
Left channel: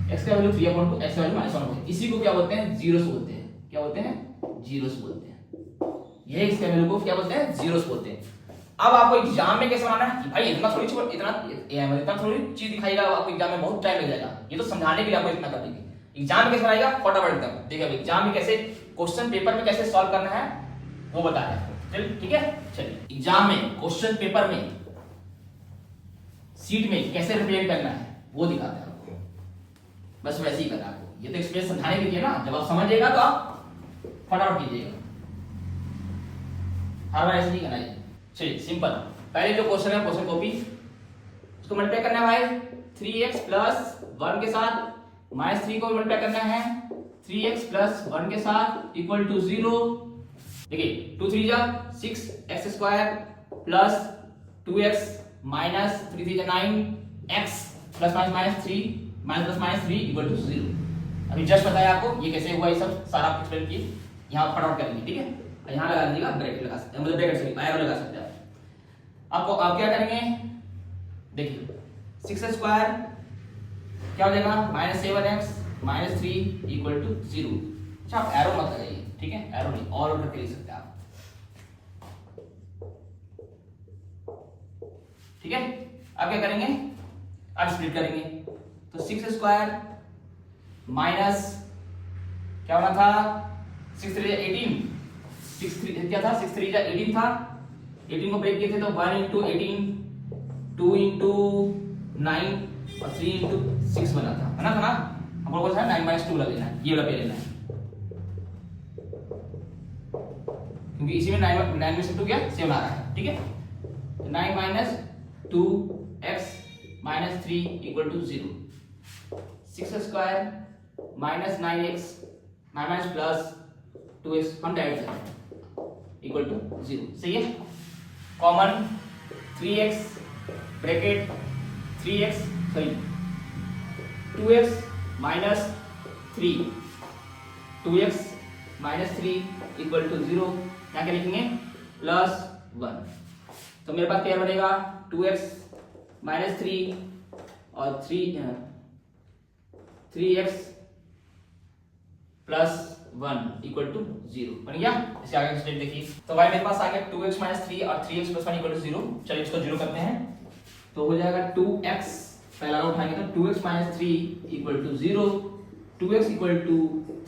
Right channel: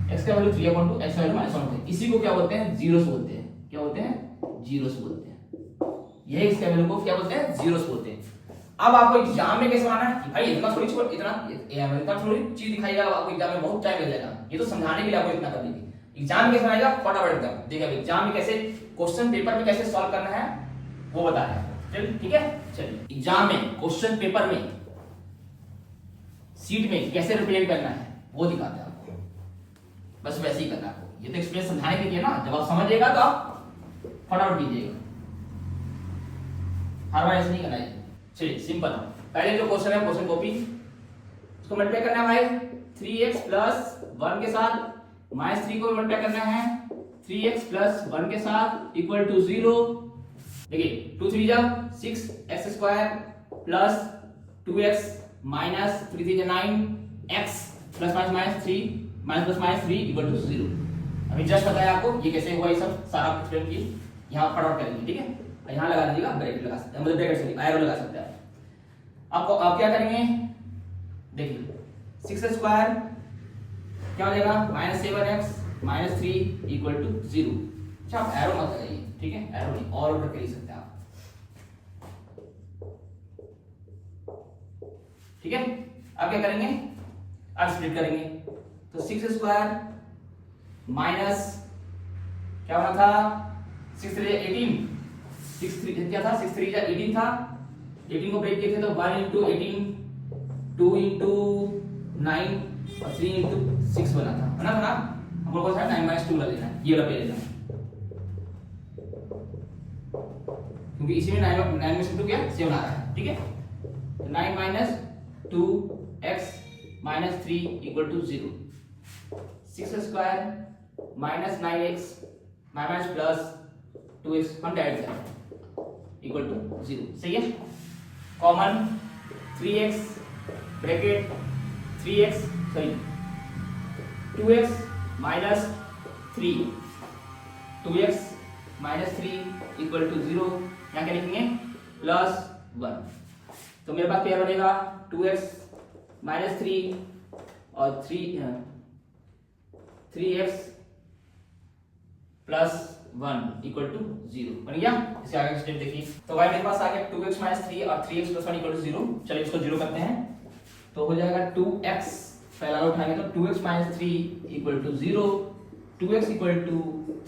3/2, x का वैल्यू -1/3, इसी को क्या बोलते हैं जीरोस बोलते हैं, क्या बोलते हैं जीरोस बोलते हैं, यही इसके वैल्यू को क्या बोलते हैं जीरोस बोलते हैं। अब आपको एग्जाम में कैसे बनाना है कि भाई इतना थोड़ी चीज दिखाएगा, आपको एग्जाम में बहुत टाइम लग जाएगा, ये तो समझाने के लिए आपको इतना कर दीजिए। एग्जाम में कैसे बनाएगा फटाफट एकदम देखिए, एग्जाम में कैसे क्वेश्चन पेपर में कैसे सॉल्व करना है वो बता रहे हैं, चलिए ठीक है। चलिए एग्जाम में क्वेश्चन पेपर में सीट में कैसे रिप्रेजेंट करना है वो दिखाते हैं आपको, बस वैसे ही करना है आपको, ये तो एक्सप्रेस समझाने के लिए ना, जब आप समझिएगा तो आप फटाफट कीजिएगा, हर बार ऐसे नहीं करना है। चलिए सिंपल, पहले जो क्वेश्चन है क्वेश्चन कॉपी, उसको मल्टीप्लाई करना है भाई 3x प्लस 1 के साथ, -3 को मल्टीप्लाई करना है 3x प्लस 1 के साथ इक्वल टू 0। देखिए 2 3 जा 6x square plus 2x minus 3 3 जा 9x plus minus 3 minus plus minus 3 equal to 0। अभी जस्ट बताया आपको ये कैसे हुआ, ये सब सारा एक्सप्लेन किए, यहाँ फटाफट करेंगे, ठीक है। यहाँ लगा लीजिएगा, ब्रैकेट लगा सकते हैं, मतलब ब्रैकेट से एरो लगा सकते हैं। आपको आप क्या करेंगे, देखिए 6 स्क्वायर क्या हो जाएगा -7x माइनस 3 इक्वल टू 0। अच्छा आप एरो मत लगाइए, ठीक है, एरो नहीं और उल्टा कर ही सकते हैं आप, ठीक है। अब क्या करेंगे, अब स्प्लिट करेंगे, तो 6 स्क्वायर माइनस क्या होना था 6 3 18, 6 3 क्या था 6 3 जा 18 था, 18 को ब्रेक किए थे तो 1 into 18 2 into 9 और 3 into 6 बना था, है ना हमको कौन सा 9 - 2 लेना है, ये वाला पे लेना है, क्योंकि इसी में 9 में से 2 क्या 7 आ रहा है, ठीक है। तो 9 - 2x - 3 equal to 0। 6 square minus 9x minus plus 2x हम डायरेक्ट जाएंगे इक्वल टू 0, सही है। कॉमन 3x ब्रैकेट 3x सही 2x minus 3 2x minus 3 equal to 0। यहाँ क्या लिखेंगे प्लस 1, तो मेरे पास क्या बनेगा 2x माइनस 3 और 3x प्लस 1 इक्वल टू 0 बन गया। इसे आगे स्टेप देखिए, तो भाई मेरे पास आ गया 2x माइनस 3 और 3x प्लस 1 इक्वल टू 0। चलिए इसको 0 करते हैं, तो हो जाएगा 2x, पहला उठाएंगे तो 2x minus 3 equal to 0, 2x equal to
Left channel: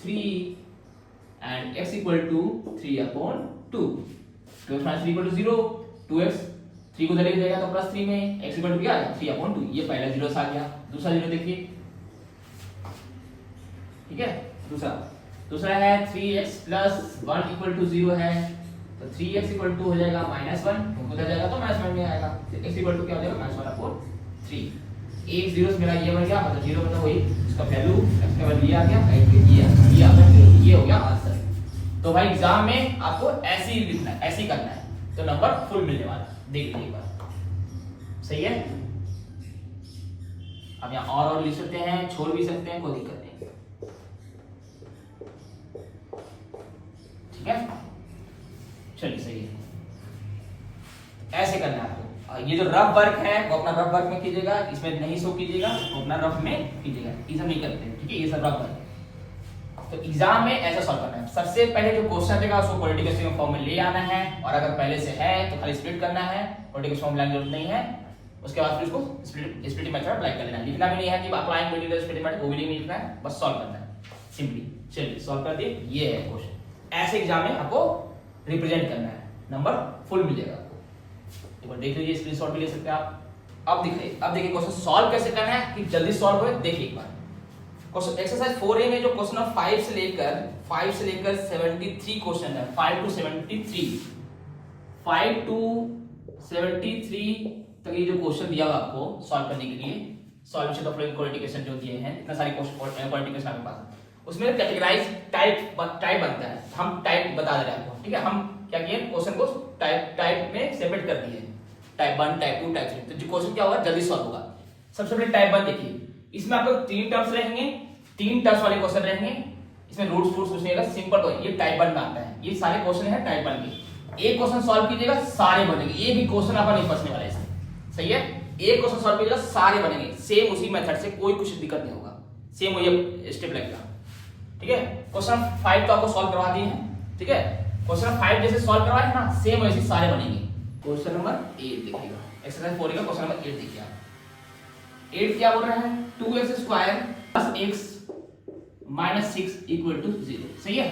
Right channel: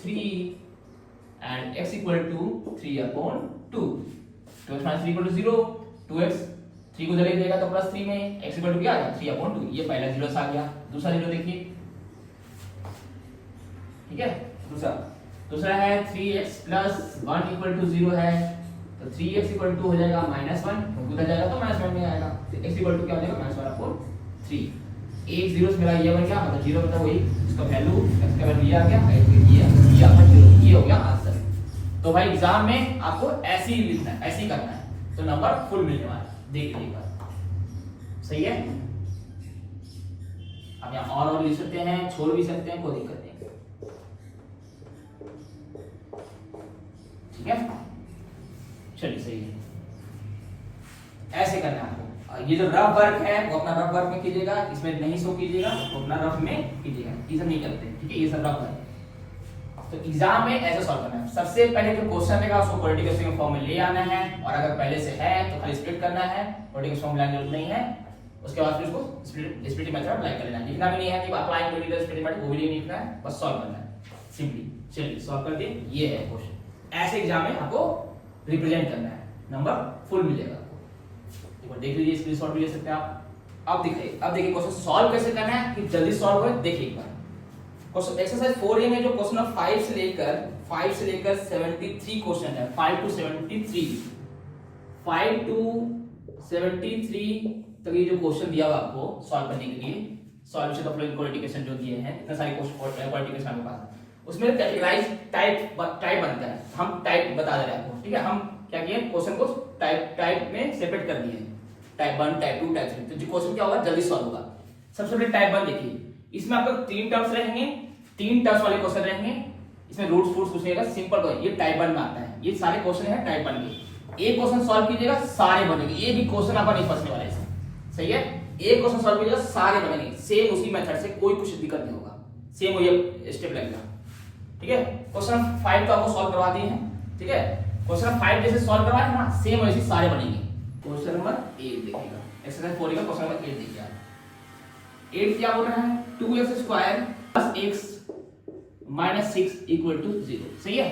3 and x equal to 3/2। 2x minus 3 equal to 0, 2x 3 को इधर ले जाएगा तो प्लस 3 में x इक्वल टू क्या आ गया 3/2, ये पहला 0 आ गया। दूसरा 0 देखिए, ठीक है। दूसरा है 3x प्लस 1 इक्वल टू 0 है, तो 3x इक्वल टू हो जाएगा -1, उधर जाएगा तो -1 में आएगा, तो x इक्वल टू क्या हो जाएगा -1/3। एक 0 से मेरा ये बन गया, मतलब 0 मतलब वही इसका वैल्यू x का वैल्यू ये आ गया, ये आ गया 0, ये हो गया आंसर। तो भाई एग्जाम में आपको ऐसे ही लिखना है, ऐसे ही करना है, तो नंबर फुल मिलने वाला है, देख लीजिए एक बार, सही है। अब यहाँ और लिख सकते हैं, छोड़ भी सकते हैं, कोई दिक्कत नहीं, ठीक है। चलिए सही है, ऐसे करना है आपको। ये जो रफ वर्क है वो अपना रफ वर्क में कीजिएगा, इसमें नहीं शो कीजिएगा, तो अपना रफ में कीजिएगा, ये सब नहीं करते, ठीक है, ये सब रफ वर्क है। तो एग्जाम में ऐसा सॉल्व करना है, सबसे पहले जो क्वेश्चन देगा उसको क्वाड्रेटिक फॉर्म में ले आना है, और अगर पहले से है तो खाली स्प्लिट करना है, क्वाड्रेटिक फॉर्म लाने की जरूरत नहीं है। उसके बाद फिर उसको स्प्लिटिंग मेथड अप्लाई कर लेना है, लिखना भी नहीं है कि apply to the splitting method, वो भी नहीं लिखना है, बस सॉल्व करना है सिंपली। चलिए सॉल्व कर दिए, ये है क्वेश्चन, ऐसे एग्जाम में आपको रिप्रेजेंट करना है, नंबर फुल मिलेगा। एक बार देख लीजिए, स्क्रीनशॉट भी ले सकते हैं आप। अब देखिए क्वेश्चन सॉल्व कैसे करना है कि जल्दी सॉल्व हो, देखिए एक बार क्वेश्चन एक्सरसाइज 4A में जो क्वेश्चन नंबर 5 से लेकर 73 क्वेश्चन है, 5 to 73 तक ये जो क्वेश्चन दिया हुआ आपको सॉल्व करने के लिए, सॉल्यूशन ऑफ फ्लोइंग क्वाड्रेटिकेशन जो दिए हैं, इतने सारे क्वाड्रेटिकेशन आपके पास, उसमें कैटेगराइज टाइप बनता है, हम टाइप बता दे रहे हैं आपको, ठीक है। हम क्या किए क्वेश्चन को टाइप में सेपरेट कर दिए, टाइप 1 टाइप 2 टाइप 3। तो जो क्वेश्चन क्या होगा जल्दी सॉल्व होगा। सबसे पहले टाइप 1 देखिए, इसमें आपको 3 टर्म्स रहेंगे, 3 टर्म्स वाले क्वेश्चन रहेंगे, इसमें रूट्स फूट्स कुछ नहीं रहेगा, सिंपल तो ये टाइप 1 में आता है, ये सारे क्वेश्चन है टाइप 1 के। एक क्वेश्चन सॉल्व कीजिएगा सारे बनेंगे, एक भी क्वेश्चन आपका नहीं फंसने वाला है इसमें, सही है। एक क्वेश्चन सॉल्व कीजिएगा सारे बनेंगे, सेम उसी मेथड से, कोई कुछ दिक्कत नहीं होगा, सेम वही स्टेप लगेगा, ठीक है। क्वेश्चन 5 तो आपको सॉल्व करवा दिए हैं, ठीक है। क्वेश्चन 5 जैसे सॉल्व करवाए ना, सेम वैसे सारे बनेंगे। क्वेश्चन नंबर 8 देखिएगा, एक्सरसाइज 4 का क्वेश्चन नंबर 8 देखिए आप। 8 क्या बोल रहा है 2x square plus x minus 6 equal to 0, सही है।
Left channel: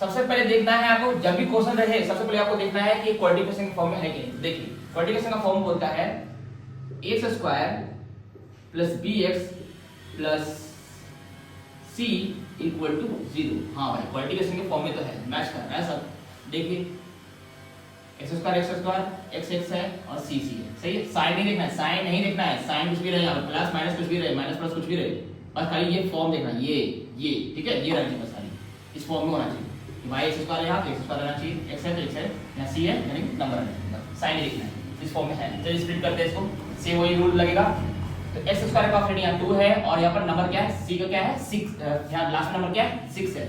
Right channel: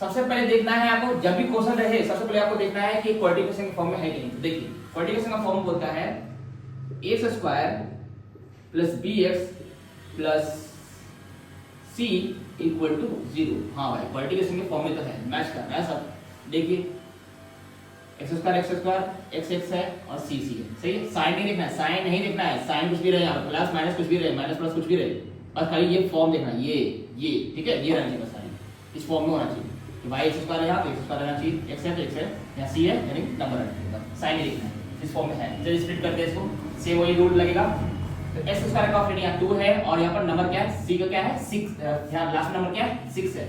सबसे पहले देखना है आपको, जब भी क्वेश्चन रहे सबसे पहले आपको देखना है कि क्वाड्रेटिकेशन के फॉर्म में है कि नहीं। देखिए क्वाड्रेटिकेशन का फॉर्म बोलता है x square plus bx plus c equal to 0। हाँ भाई क्वालिटिकेशन के फॉर्म में तो है, मैच कर रहा है सब। देखिए एक्स स्क्वायर एक्स एक्स है और सी सी है, सही है। साइन नहीं देखना है, साइन नहीं देखना है, साइन कुछ भी रहे यहाँ पर, प्लस माइनस कुछ भी रहे, माइनस प्लस कुछ भी रहे, बस खाली ये फॉर्म देखना है, ये ठीक है, ये रहनी बस सारी इस फॉर्म में होना चाहिए कि भाई एक्स स्क्वायर है यहाँ तो एक्स स्क्वायर रहना चाहिए, एक्स है तो एक्स है, यहाँ सी है यानी नंबर रहना चाहिए, बस साइन नहीं देखना है, इस फॉर्म में है। चलिए स्प्लिट करते हैं इसको, सेम वही रूल लगेगा। तो एक्स स्क्वायर का ऑप्शन यहाँ 2 है और यहाँ पर नंबर क्या है, सी का क्या है 6, यहाँ लास्ट नंबर क्या है 6 है,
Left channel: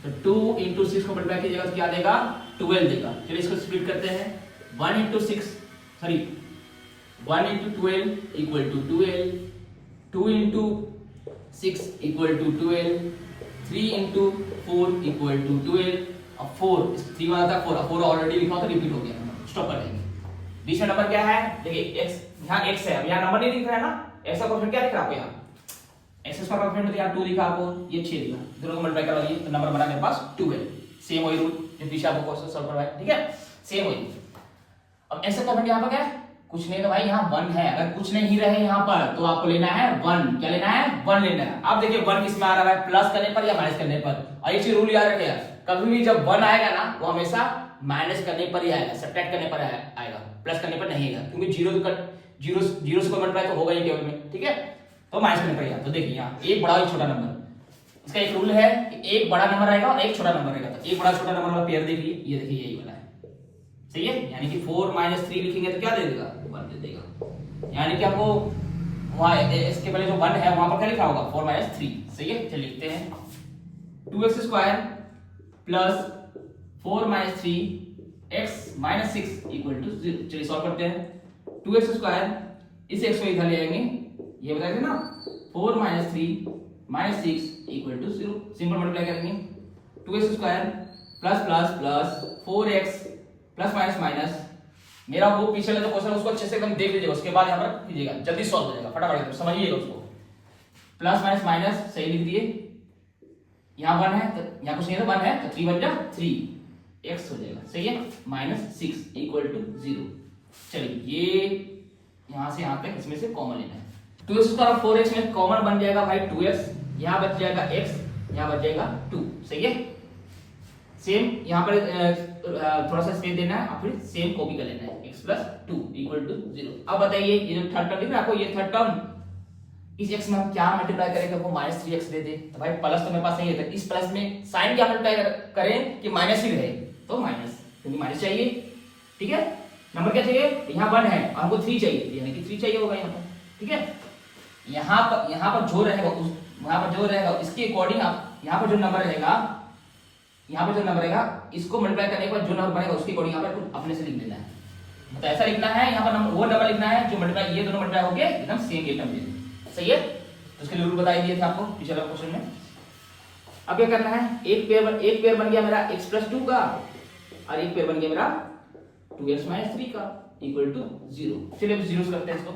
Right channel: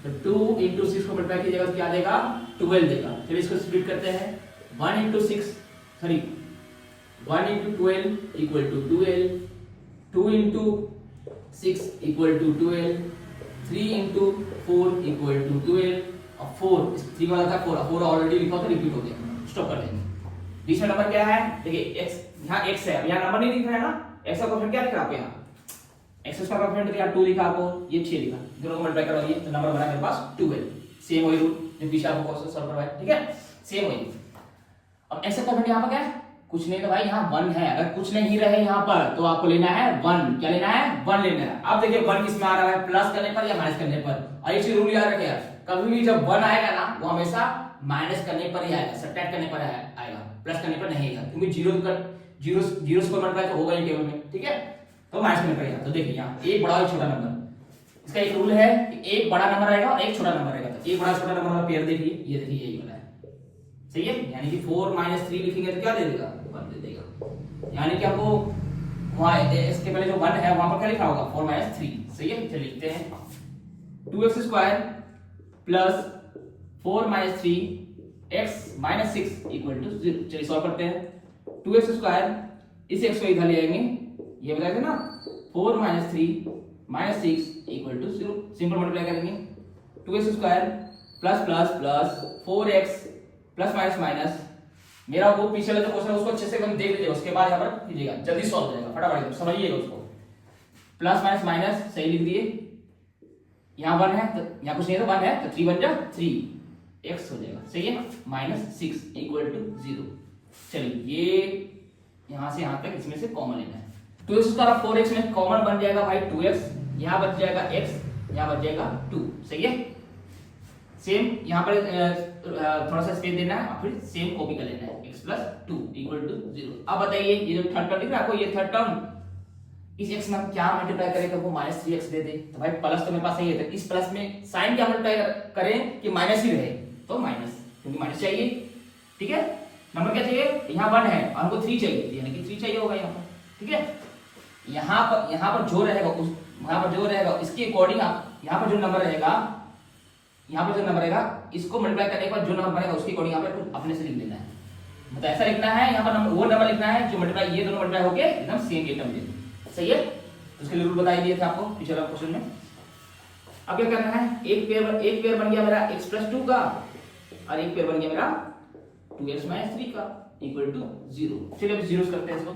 तो 2 into 6 को मल्टीप्लाई कीजिएगा तो क्या देगा 12 देगा। चलिए इसको स्प्लिट करते हैं, 1 into 6 sorry 1 into 12 equal to 12, 2 into 6 equal to 12, 3 into 4 equal to 12, अब 4 3 वाला था 4 ऑलरेडी लिखा था, रिपीट हो गया, स्टॉप कर देंगे। बीच में नंबर क्या है, देखिए x यहाँ x है, अब यहाँ नंबर नहीं दिख रहा है ना, x का कोएफिशिएंट क्या दिख रहा है आपको यहाँ, x स्क्वायर का कोएफिशिएंट तो यहाँ 2 दिखा आपको, ये 6 दिखा, दोनों को मल्टीप्लाई करवाइए तो नंबर बना मेरे पास 12। सेम वही रूल जो पीछे आपको क्वेश्चन सॉल्व करवाया, ठीक है, सेम वही। अब x का कोएफिशिएंट यहाँ पर क्या है, कुछ नहीं तो भाई यहाँ 1 है, अगर कुछ नहीं रहे यहाँ पर तो आपको लेना है 1, क्या लेना है 1 लेना है। अब देखिए 1 किस में आ रहा है, प्लस करने पर या माइनस करने पर, और एक चीज रूल याद रखिएगा, कभी भी जब 1 आएगा ना वो हमेशा माइनस करने पर ही आएगा, सब्ट्रैक्ट करने पर आएगा, प्लस करने पर नहीं आएगा, क्योंकि जीरो से कोई मल्टीप्लाई तो होगा ही टेबल में, ठीक है, तो माइनस करने पर आएगा। तो देखिए यहाँ एक बड़ा एक छोटा नंबर, इसका एक रूल है कि एक बड़ा नंबर आएगा और एक छोटा नंबर आएगा, तो एक बड़ा छोटा नंबर वाला पेयर देखिए, ये देखिए यही वाला है, सही है, यानी कि 4 - 3 लिखेंगे तो क्या दे देगा 1 दे देगा, यानी कि आपको वहां इसके पहले जो 1 है वहां पर क्या लिखा होगा 4 - 3, सही है। चलिए लिखते हैं 2x square plus 4 - 3 x - 6 equal to 0। चलिए सॉल्व करते हैं, 2x स्क्वायर इस x को इधर ले आएंगे, ये बताया ना 4 - 3 - 6 इक्वल टू 0, सिंपल मल्टीप्लाई करेंगे, 2x square plus plus plus 4x plus minus minus, मेरा वो पीछे वाला जो क्वेश्चन है उसको अच्छे से एकदम देख लीजिएगा, उसके बाद यहाँ पर कीजिएगा, जल्दी सॉल्व हो जाएगा, फटाफट समझिएगा उसको। प्लस माइनस माइनस सही लिख दिए, यहाँ 1 है तो यहाँ कुछ नहीं है तो 1 है तो 3 बन जा 3 x हो जाएगा, सही है, -6 इक्वल टू 0। चलिए ये यहाँ से यहाँ तक इसमें से कॉमन लेना है, 2x स्क्वायर 4x में कॉमन बन जाएगा भाई 2x, यहाँ बच जाएगा x, यहाँ बच जाएगा 2, सही है। सेम यहाँ पर थोड़ा सा स्पेस देना है और फिर सेम कॉपी कर लेना है, x + 2 इक्वल टू 0। अब बताइए ये जो थर्ड टर्म दिख रहा है आपको, ये थर्ड टर्म इस x में हम क्या मल्टीप्लाई करें तो वो -3x दे दे, तो भाई प्लस तो मेरे पास नहीं है, तो इस प्लस में साइन क्या मल्टीप्लाई करें कि माइनस ही रहे, तो माइनस, क्योंकि माइनस चाहिए, ठीक है। नंबर क्या चाहिए, यहाँ 1 है और हमको 3 चाहिए, यानी कि 3 चाहिए होगा यहाँ पर, ठीक है। यहाँ पर जो रहेगा उस वहां पर जो रहेगा इसके अकॉर्डिंग आप यहाँ पर जो नंबर रहेगा, यहाँ पर जो नंबर रहेगा इसको मल्टीप्लाई करने के बाद जो नंबर बनेगा उसके अकॉर्डिंग यहाँ पर अपने से लिख देना है, मतलब ऐसा लिखना है यहाँ पर नंबर वो नंबर लिखना है जो मल्टीप्लाई, ये दोनों मल्टीप्लाई होके एकदम सेम ये टर्म दे, सही है। तो उसके लिए रूल बताई दिए थे आपको पिछले क्वेश्चन में। अब क्या करना है, एक पेयर बन गया मेरा x + 2 का और एक पेयर बन गया मेरा 2x - 3 का इक्वल टू 0। चलिए अब जीरोस करते हैं इसको,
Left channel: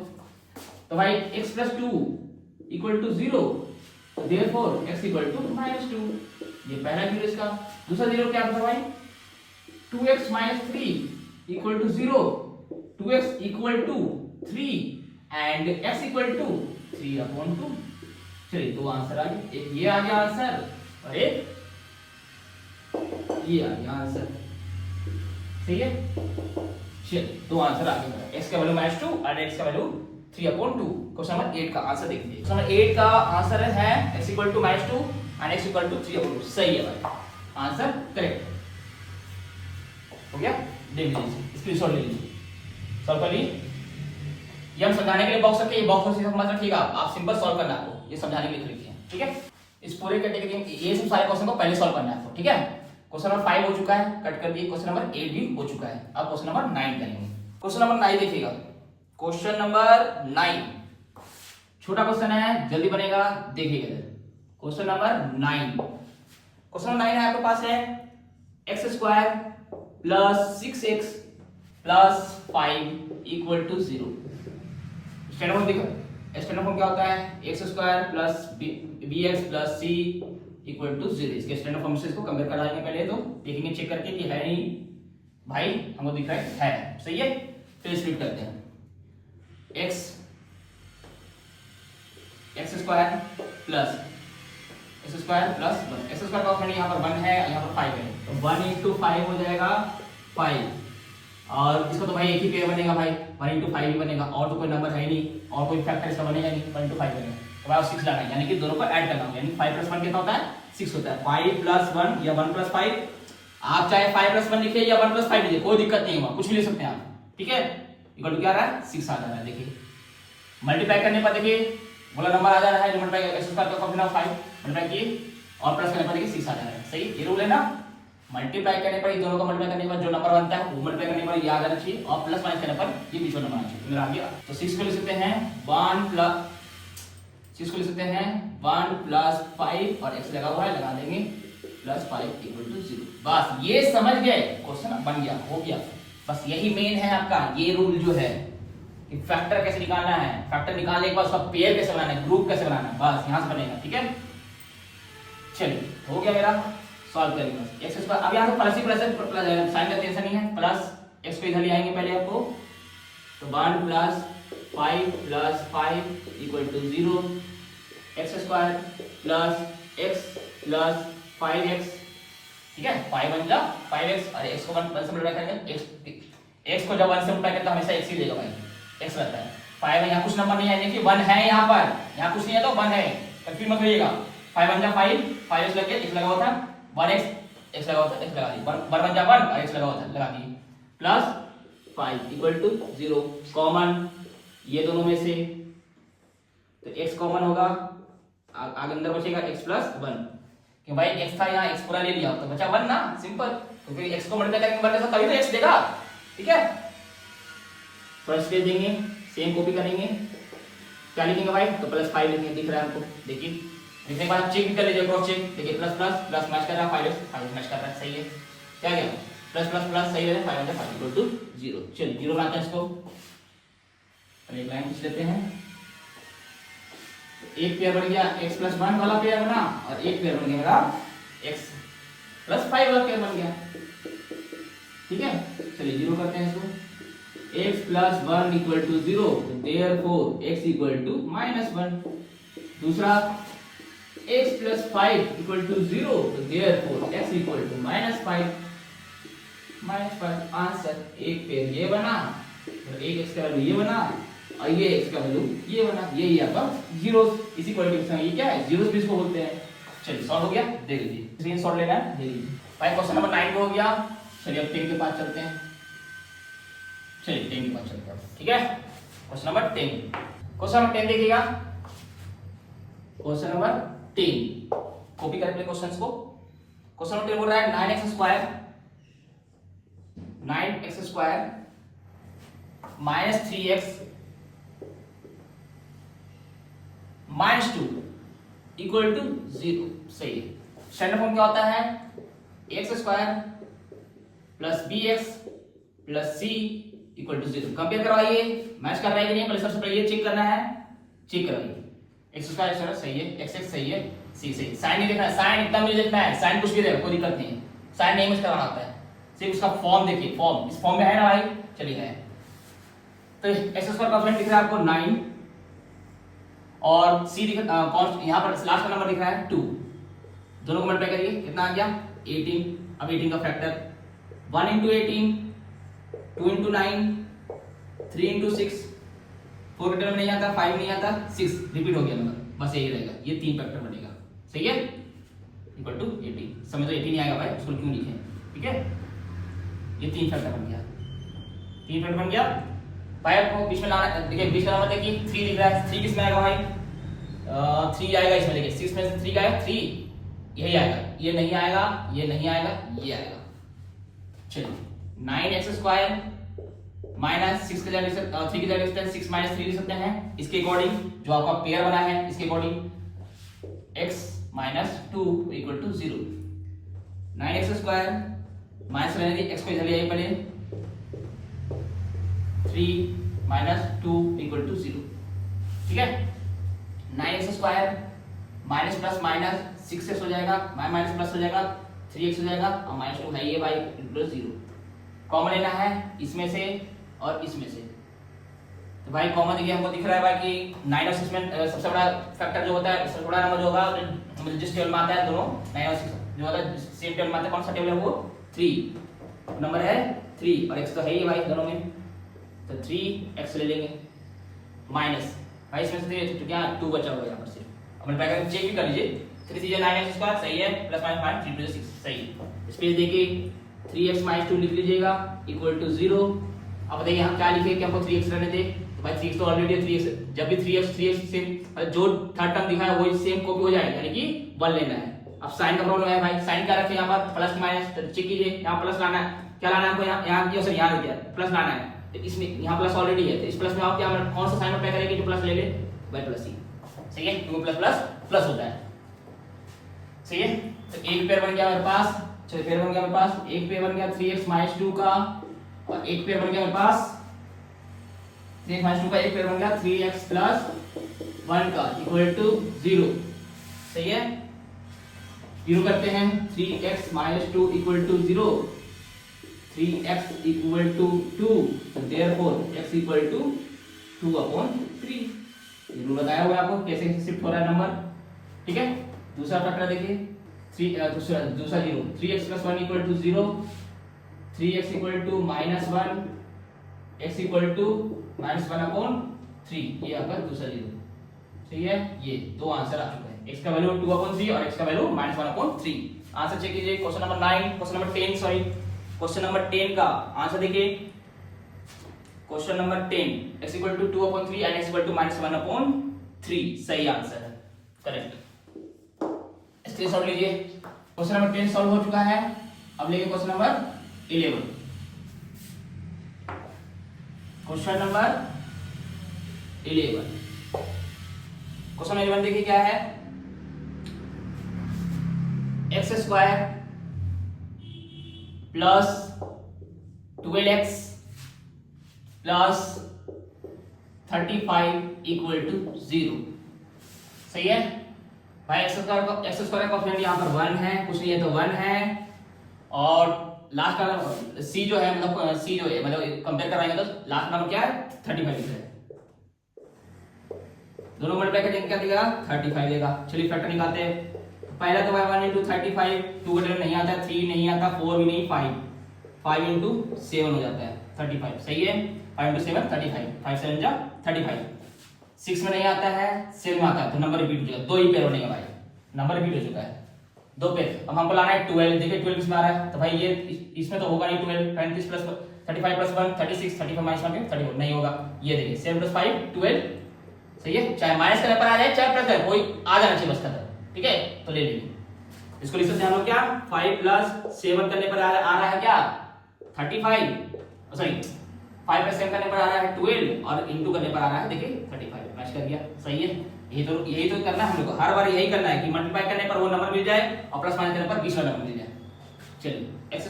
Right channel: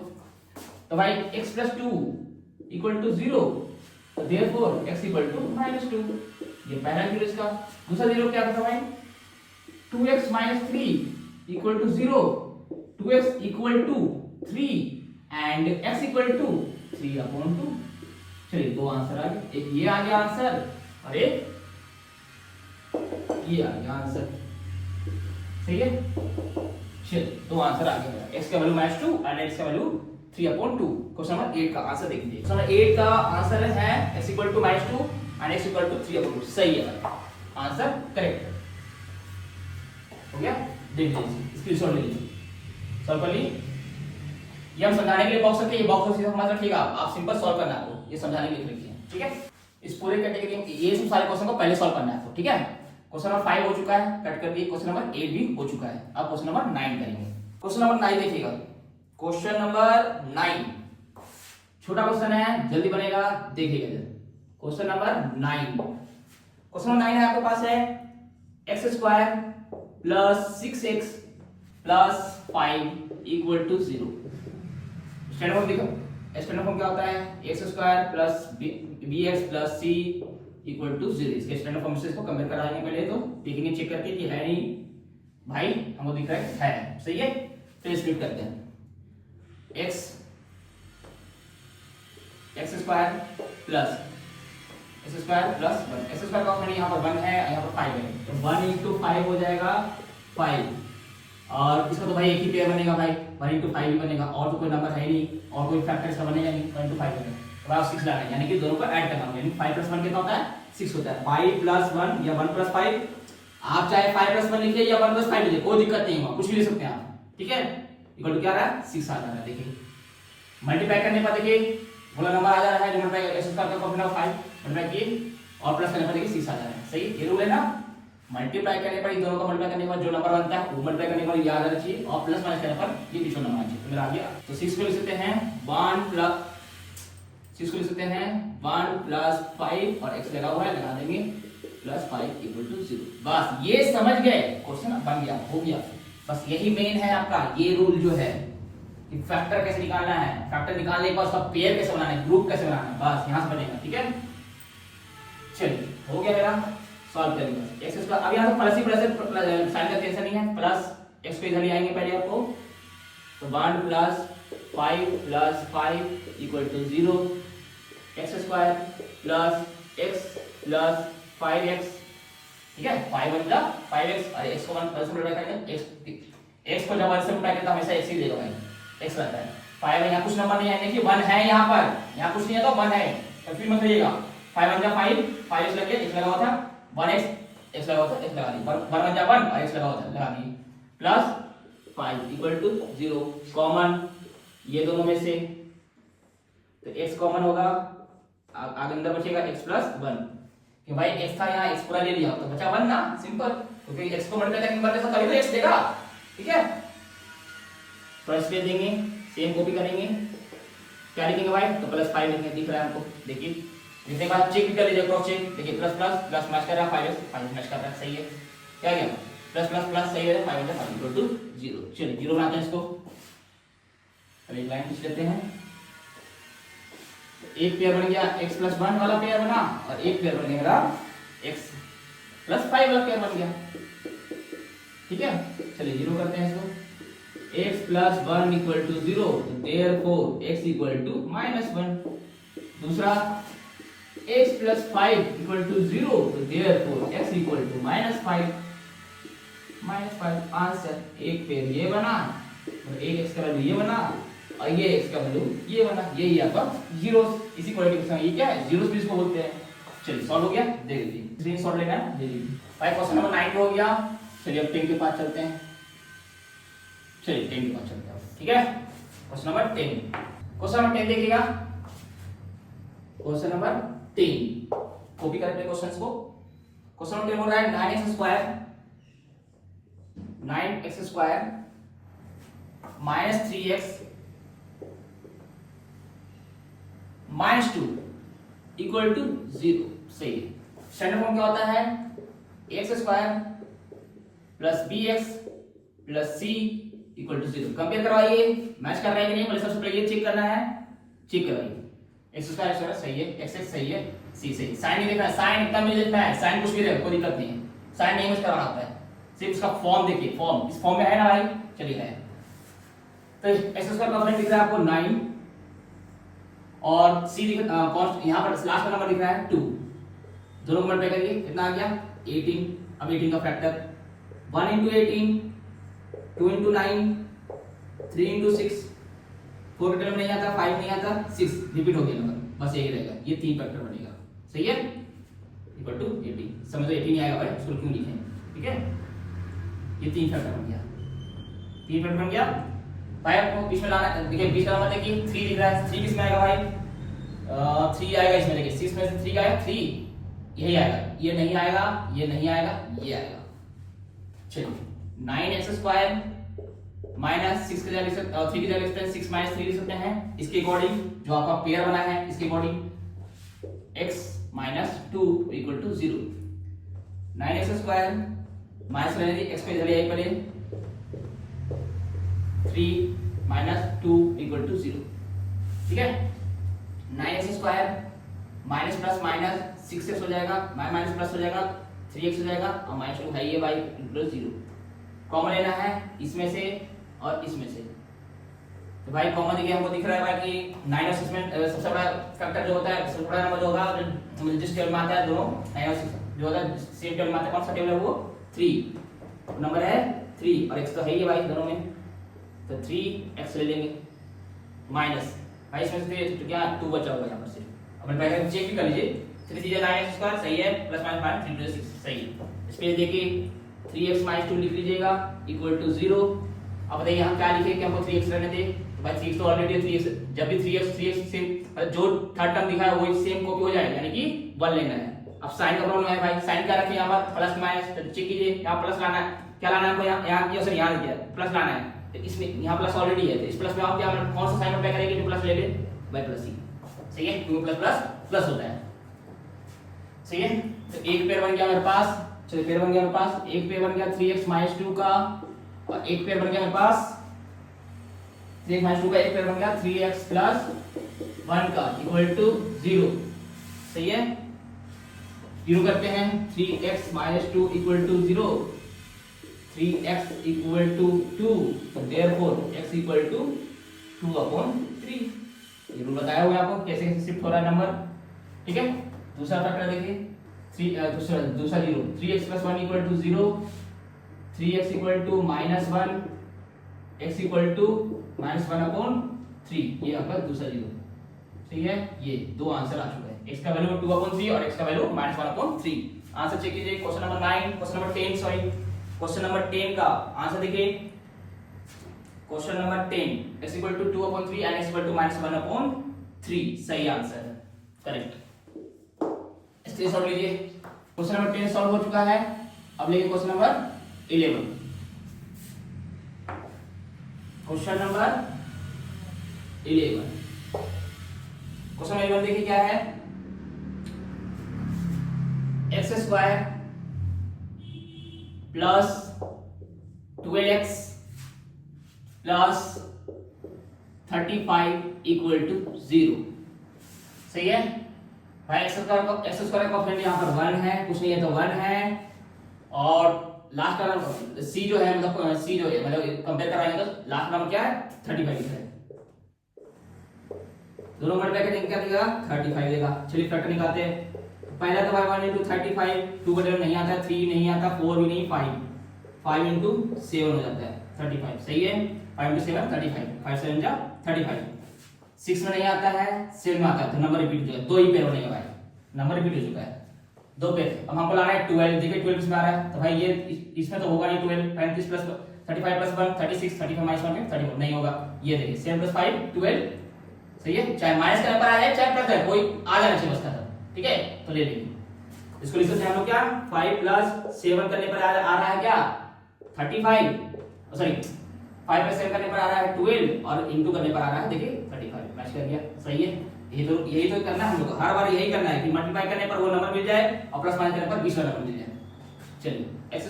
तो भाई x + 2 इक्वल टू 0, तो देयरफॉर x इक्वल टू -2, ये पहला जीरो इसका। दूसरा जीरो क्या था भाई, 2x - 3 equal to 0, 2x equal to 3 and x equal to 3/2। चलिए दो आंसर आ गए, एक ये आ गया आंसर और एक ये आ गया आंसर, सही है। चलिए दो आंसर आ गया, x का वैल्यू -2 और x का वैल्यू 3/2। क्वेश्चन नंबर 8 का आंसर देखिए, क्वेश्चन नंबर 8 का आंसर है x इक्वल टू -2 और x इक्वल टू 3/2, सही है भाई, आंसर करेक्ट हो गया। देख लीजिए स्क्रीनशॉट ले लीजिए, सॉल्व कर लीजिए। ये हम समझाने के लिए बॉक्स रखे, ये बॉक्स से समझ रखिएगा, आप सिंपल सॉल्व करना है आपको, ये समझाने के लिए लिखे हैं, ठीक है। इस पूरे कैटेगरी में ये सब सारे क्वेश्चन को पहले सॉल्व करना है आपको, ठीक है। क्वेश्चन नंबर 5 हो चुका है, कट कर दिए, क्वेश्चन नंबर 8 भी हो चुका है, अब क्वेश्चन नंबर 9 करेंगे। क्वेश्चन नंबर 9 देखिएगा, क्वेश्चन नंबर 9 छोटा क्वेश्चन है, जल्दी बनेगा, देखिएगा। क्वेश्चन नंबर 9, क्वेश्चन नंबर 9 है आपके पास है x² + 6x + 5 equal to 0। Standard form देखो, स्टैंडर्ड फॉर्म क्या होता है, x² + bx + c equal to 0। इसके स्टैंडर्ड फॉर्म से इसको कंपेयर कराएंगे, पहले तो देखेंगे चेक करके कि है नहीं, भाई हमको दिख रहा है, सही है। फिर स्प्लिट करते हैं, x² + x square plus 1, x square का ऑप्शन यहाँ पर 1 है, यहाँ पर 5 है, तो 1 into 5 हो जाएगा 5, और इसका तो भाई एक ही पेयर बनेगा भाई, 1 into 5 ही बनेगा, और तो कोई नंबर है नहीं, और कोई फैक्टर इसका बनेगा नहीं, 1 into 5 बनेगा, तो भाई 6 लाना है, यानी कि दोनों को ऐड करना होगा, यानी 5 + 1 कितना होता है 6 होता है, 5 + 1 या 1 + 5, आप चाहे 5 + 1 लिखिए या 1 + 5 लिखिए, कोई दिक्कत नहीं होगा, कुछ भी ले सकते हैं आप, ठीक है, इक्वल टू क्या आ रहा है 6 आ रहा है, देखिए मल्टीप्लाई करने पर देखिए बोला नंबर आ जा रहा है, मल्टीप्लाई एक्स स्क्वायर का कॉम्बिनेशन 5 मल्टीप्लाई किए और प्लस करने पर देखिए 6 आ जा रहा है, सही, ये रूल है ना, मल्टीप्लाई करने पर दोनों को मल्टीप्लाई करने पर जो नंबर बनता है वो मल्टीप्लाई करने पर याद रखना चाहिए, और प्लस माइनस करने पर ये बीच में नंबर आना चाहिए, फिर आ गया, तो 6 को लिख सकते हैं 1 + 6 को लिख सकते हैं 1 + 5 और x लगा हुआ है, लगा देंगे +5 = 0, बस ये समझ गए, क्वेश्चन बन गया, हो गया, बस यही मेन है आपका ये रूल जो है कि फैक्टर कैसे निकालना है, फैक्टर निकालने के बाद उसका पेयर कैसे बनाना है, ग्रुप कैसे बनाना है, बस यहां से बनेगा, ठीक है, चलिए हो गया मेरा, सॉल्व करेंगे एक्स स्क्वायर, अब यहां तो प्लस ही प्लस साइन का टेंशन नहीं है, प्लस एक्स को इधर ले आएंगे पहले आपको, तो 1 + 5 + 5 = 0, x square plus x plus 5x, ठीक है, 5 × 5x, और x को 1 से मल्टीप्लाई करेंगे, x को जब 1 से मल्टीप्लाई करते हैं हमेशा x ही देगा भाई, x रहता है, 5 यहाँ कुछ नंबर नहीं है, देखिए 1 है यहाँ पर, यहाँ कुछ नहीं है तो 1 है, कंफ्यूज मत होइएगा, 5 × 5 5x लग गया, x लगा हुआ था 1x, x लगा हुआ था x लगा दी, 1 × 1 और x लगा हुआ था लगा दी, प्लस 5 = 0, कॉमन ये दोनों में से, तो x कॉमन होगा, आगे अंदर बचेगा x + 1, कि भाई x था यहाँ x पूरा ले लिया तो बचा 1 ना, सिंपल, क्योंकि x को मल्टीप्लाई करके नंबर तभी तो x देगा, ठीक है, फर्स्ट पेज देंगे, सेम कॉपी करेंगे, क्या लिखेंगे भाई, तो +5 लिखेंगे, दिख रहा है आपको, देखिए लिखने के बाद चेक भी कर लीजिए, क्रॉस चेक, देखिए प्लस प्लस प्लस मैच कर रहा है, 5 मैच कर रहा है, सही है, क्या गया प्लस प्लस प्लस सही है, 5 × 5 = 0, चलिए 0 बनाते हैं इसको, अब एक लाइन खींच लेते हैं, एक पेयर बन गया x + 1 वाला पेयर बना, और एक पेयर बन गया मेरा x + 5 वाला पेयर बन गया, ठीक है, चलिए 0 करते हैं इसको, x + 1 = 0, therefore x = -1, दूसरा x + 5 = 0, therefore x = -5, आंसर, एक पेयर ये बना और एक x का वैल्यू ये बना और ये x का वैल्यू ये बना, यही आपका जीरोस, इसी क्वालिटी क्वेश्चन, ये क्या है जीरोस भी इसको बोलते हैं, चलिए सॉल्व हो गया, देख लीजिए, स्क्रीनशॉट लेना है, ले लीजिए भाई, क्वेश्चन नंबर 9 हो गया, चलिए अब 10 के पास चलते हैं, चलिए 10 के पास चलते हैं, ठीक है, क्वेश्चन नंबर 10, क्वेश्चन नंबर 10 देखिएगा, क्वेश्चन नंबर 10 कॉपी करें अपने क्वेश्चंस को, क्वेश्चन नंबर 10 बोल रहा है 9x² -3x -2 = 0, सही है, स्टैंडर्ड फॉर्म क्या होता है, x² + bx + c = 0, कंपेयर करवाइए, मैच कर रहा है कि नहीं, पहले सबसे पहले ये चेक करना है, चेक करवाइए, x² सही है, x सही है, c सही, साइन नहीं देखना है, साइन इतना नहीं देखना है, साइन कुछ भी रहे कोई दिक्कत नहीं है, साइन नहीं मैच कराना होता है, सिर्फ उसका फॉर्म देखिए, फॉर्म इस फॉर्म में है ना भाई, चलिए है, तो x² का ऑप्शन दिख रहा है आपको 9 और c दिख यहाँ पर लास्ट वाला नंबर दिख रहा है 2, दोनों को मल्टीप्लाई करिए, कितना आ गया 18, अब 18 का फैक्टर 1 × 18, 2 × 9, 3 × 6, 4 का टर्म नहीं आता, 5 नहीं आता, 6 रिपीट हो गया नंबर, बस यही रहेगा, ये 3 फैक्टर बनेगा, सही है, = 18, समझ तो 18 ही आएगा भाई, उसको क्यों लिखें, ठीक है, ये 3 फैक्टर बन गया, 3 फैक्टर बन गया भाई, आपको बीच में लाना, देखिए बीच का नंबर देखिए 3 लिख रहा है, 3 किस में आएगा भाई, 3 आएगा इसमें, देखिए 6 में से 3 का है 3, यही आएगा, ये नहीं आएगा, ये नहीं आएगा, ये आएगा, चलिए 9x² -6 के जगह लिख सकते हैं, 3 की जगह लिख सकते हैं, 6 - 3 लिख सकते हैं, इसके अकॉर्डिंग जो आपका पेयर बना है इसके अकॉर्डिंग x - 2 = 0, 9x² माइनस लेने दी, x को इधर ले आइए पहले, 3 - 2 = 0, ठीक है, 9x² minus plus minus 6x हो जाएगा, माइनस प्लस हो जाएगा, 3x हो जाएगा, और -2 है ये भाई + 0, कॉमन लेना है इसमें से और इसमें से, तो भाई कॉमन देखिए हमको दिख रहा है भाई कि 9 और 6 में सबसे बड़ा फैक्टर जो होता है, सबसे बड़ा नंबर जो होगा जिस टेबल में आता है दोनों 9 और 6 जो होता है सेम टेबल में आता है, कौन सा टेबल है वो 3 नंबर है 3 और x तो है ही भाई दोनों में, तो 3x ले लेंगे माइनस भाई इसमें से तो क्या 2 बचा होगा यहाँ पर से। अब मैं पहले चेक भी कर लीजिए 3 3 9x स्क्वायर सही है, प्लस माइनस 5 3 2 6 सही है। स्पेस देखिए 3x - 2 लिख लीजिएगा इक्वल टू 0। अब बताइए यहाँ क्या लिखे कि हमको 3x रहने दे, तो भाई 3x तो ऑलरेडी है 3x, जब भी 3x सेम जो थर्ड टर्म दिखा है वही सेम कॉपी हो जाएगा, यानी कि 1 लेना है। अब साइन का प्रॉब्लम है भाई, साइन क्या रखें यहाँ पर प्लस माइनस, तो चेक कीजिए यहाँ प्लस लाना है, क्या लाना है हमको यहाँ की सर यहाँ दिया प्लस लाना है, तो इसमें यहाँ प्लस ऑलरेडी है, तो इस प्लस में आप क्या कौन सा साइन अप्लाई करेंगे जो प्लस ले ले भाई प्लस ही सही है, क्योंकि प्लस प्लस प्लस होता है सही है। तो एक पेयर बन गया मेरे पास, चलिए पेयर बन गया मेरे पास, एक पेयर बन गया 3x - 2 का, और एक पेयर बन गया मेरे पास 3x - 2 का, एक पेयर बन गया 3x + 1 का इक्वल टू 0 सही है। 0 करते हैं 3x - 2 equal to 0, 3x equal to 2, तो देयरफॉर x इक्वल टू 2/3। ये रूल बताया हुआ है आपको कैसे कैसे शिफ्ट हो रहा है नंबर, ठीक है। दूसरा फैक्टर देखिए दूसरा 0, 3x + 1 equal to 0, 3x equal to -1, x equal to -1/3, ये आपका दूसरा 0 ठीक है। ये दो आंसर आ चुका है, x का वैल्यू 2/3 और x का वैल्यू -1/3। आंसर चेक कीजिए question number 9, question number 10 sorry question number 10 का आंसर देखिए, question number 10 x equal to 2/3 and x equal to -1/3 सही आंसर है, करेक्ट। इसलिए सॉल्व लीजिए, क्वेश्चन नंबर 10 सॉल्व हो चुका है। अब लेंगे question number 11, question number 11, question 11 देखिए क्या है, x² plus 12x plus 35 equal to 0 सही है भाई। x² का कोएफिशिएंट यहाँ पर 1 है, कुछ नहीं है तो 1 है, और लास्ट वाला c जो है मतलब c जो है मतलब कंपेयर कराएंगे तो लास्ट नंबर क्या है 35 लिखा है, दोनों मल्टीप्लाई करके क्या देगा 35 देगा। चलिए फैक्टर निकालते हैं, पहला तो 1 into 35, 2 का टेबल नहीं आता, 3 नहीं आता, 4 भी नहीं, 5 into 7 हो जाता है 35 सही है। 5 into 7 35, 5 7 जा 35, 6 में नहीं आता है 7 में आता है, तो नंबर रिपीट हो जाएगा, दो ही पेयर बनेगा भाई, नंबर रिपीट हो चुका है दो पेयर। अब हमको लाना है 12, देखिए 12 किसमें आ रहा है, तो भाई ये इसमें तो होगा नहीं 12, 35 प्लस 35 प्लस 1 36, 35 माइनस 1 31 नहीं होगा, ये देखिए 7 + 5 12 सही है, चाहे माइनस करने पर आ जाए चाहे प्लस करे कोई आ जाना चाहिए बस खत्म, ठीक है। तो ले लीजिए इसको, लिख सकते हैं हम लोग क्या 5 + 7 करने पर आ रहा है क्या 35, सॉरी 5 + 7 करने पर आ रहा है 12 और इनटू करने पर आ रहा है देखिए 35, मैच कर गया सही है। यही तो करना है हम लोग को, हर बार यही करना है कि मल्टीप्लाई करने पर वो नंबर मिल जाए और प्लस माइनस करने पर 20 वाला नंबर मिल जाए। चलिए x²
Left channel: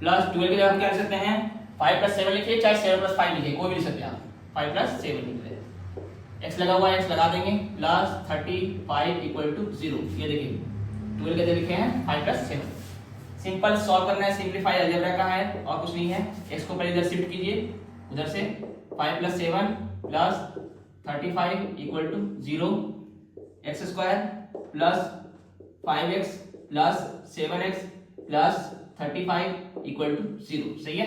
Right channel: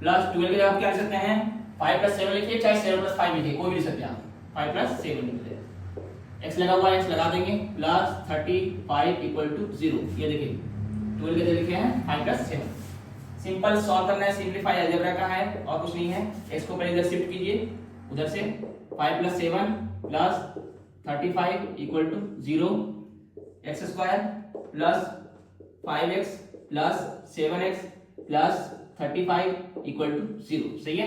प्लस 12 की जगह हम क्या लिख सकते हैं 5 + 7 लिखिए, चाहे 7 + 5 लिखिए, कोई भी लिख सकते हैं आप, 5 + 7 लिख ले, x लगा हुआ है x लगा देंगे प्लस 35 इक्वल टू 0, ये देखिए 12 के लिखे हैं 5 + 7। सिंपल सॉल्व करना है, सिंपलीफाई अलजेब्रा का है और कुछ नहीं है। x को पहले इधर शिफ्ट कीजिए, उधर से 5 + 7 plus 35 equal to 0, x² plus 5x plus 7x plus 35 equal to 0 सही है।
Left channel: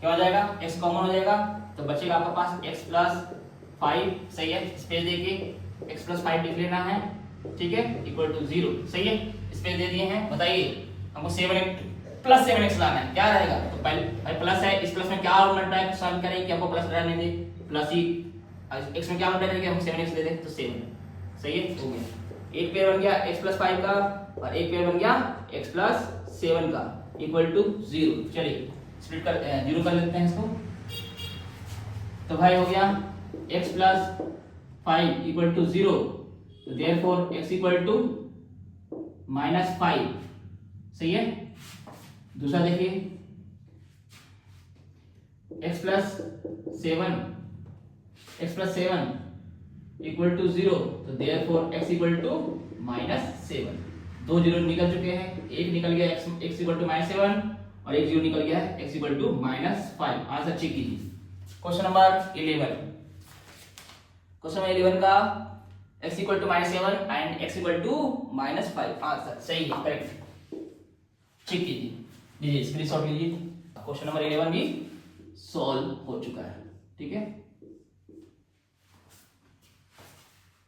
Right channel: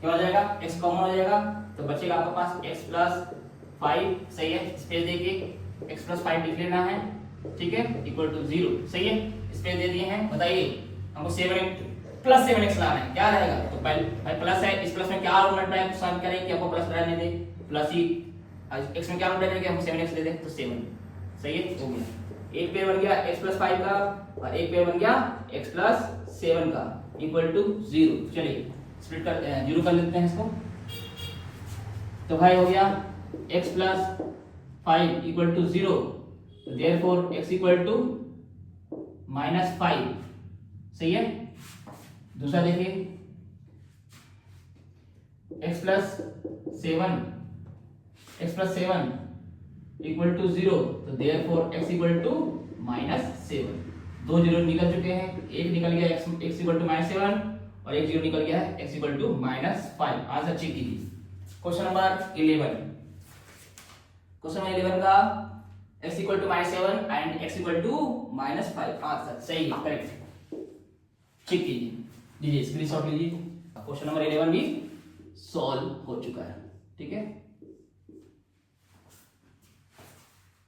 क्या हो जाएगा x कॉमन हो जाएगा तो बचेगा आपके पास x + 5 सही है, स्पेस देखिए x + 5 लिख लेना है ठीक है, इक्वल टू 0 सही है, स्पेस दे दिए हैं। बताइए हमको 7x प्लस 7x लाना है, क्या रहेगा, तो पहले भाई प्लस है, इस प्लस में क्या मल्टीप्लाई सॉल्व करें कि आपको प्लस रहने दे, प्लस ही x में क्या मल्टीप्लाई करें कि हमको 7x दे दे, तो 7 सही है हो गया। एक पेयर बन गया x + 5 का और एक पेयर बन गया x + 7 का इक्वल टू 0। चलिए स्प्लिट कर 0 कर लेते हैं इसको, तो भाई हो गया x + 5 इक्वल टू 0, तो देयरफॉर x इक्वल टू -5 सही है। दूसरा देखिए x + 7 इक्वल टू 0, तो देयरफॉर x इक्वल टू -7। दो 0 निकल चुके हैं, एक निकल गया x इक्वल टू -7 और एक 0 निकल गया है x equal to -5। Answer check कीजिए क्वेश्चन नंबर 11, क्वेश्चन नंबर 11 का x equal to -7 and x equal to -5 answer सही है, करेक्ट। चेक लीजिए स्क्रीनशॉट लीजिए। क्वेश्चन नंबर 11 भी सॉल्व हो चुका है, ठीक है।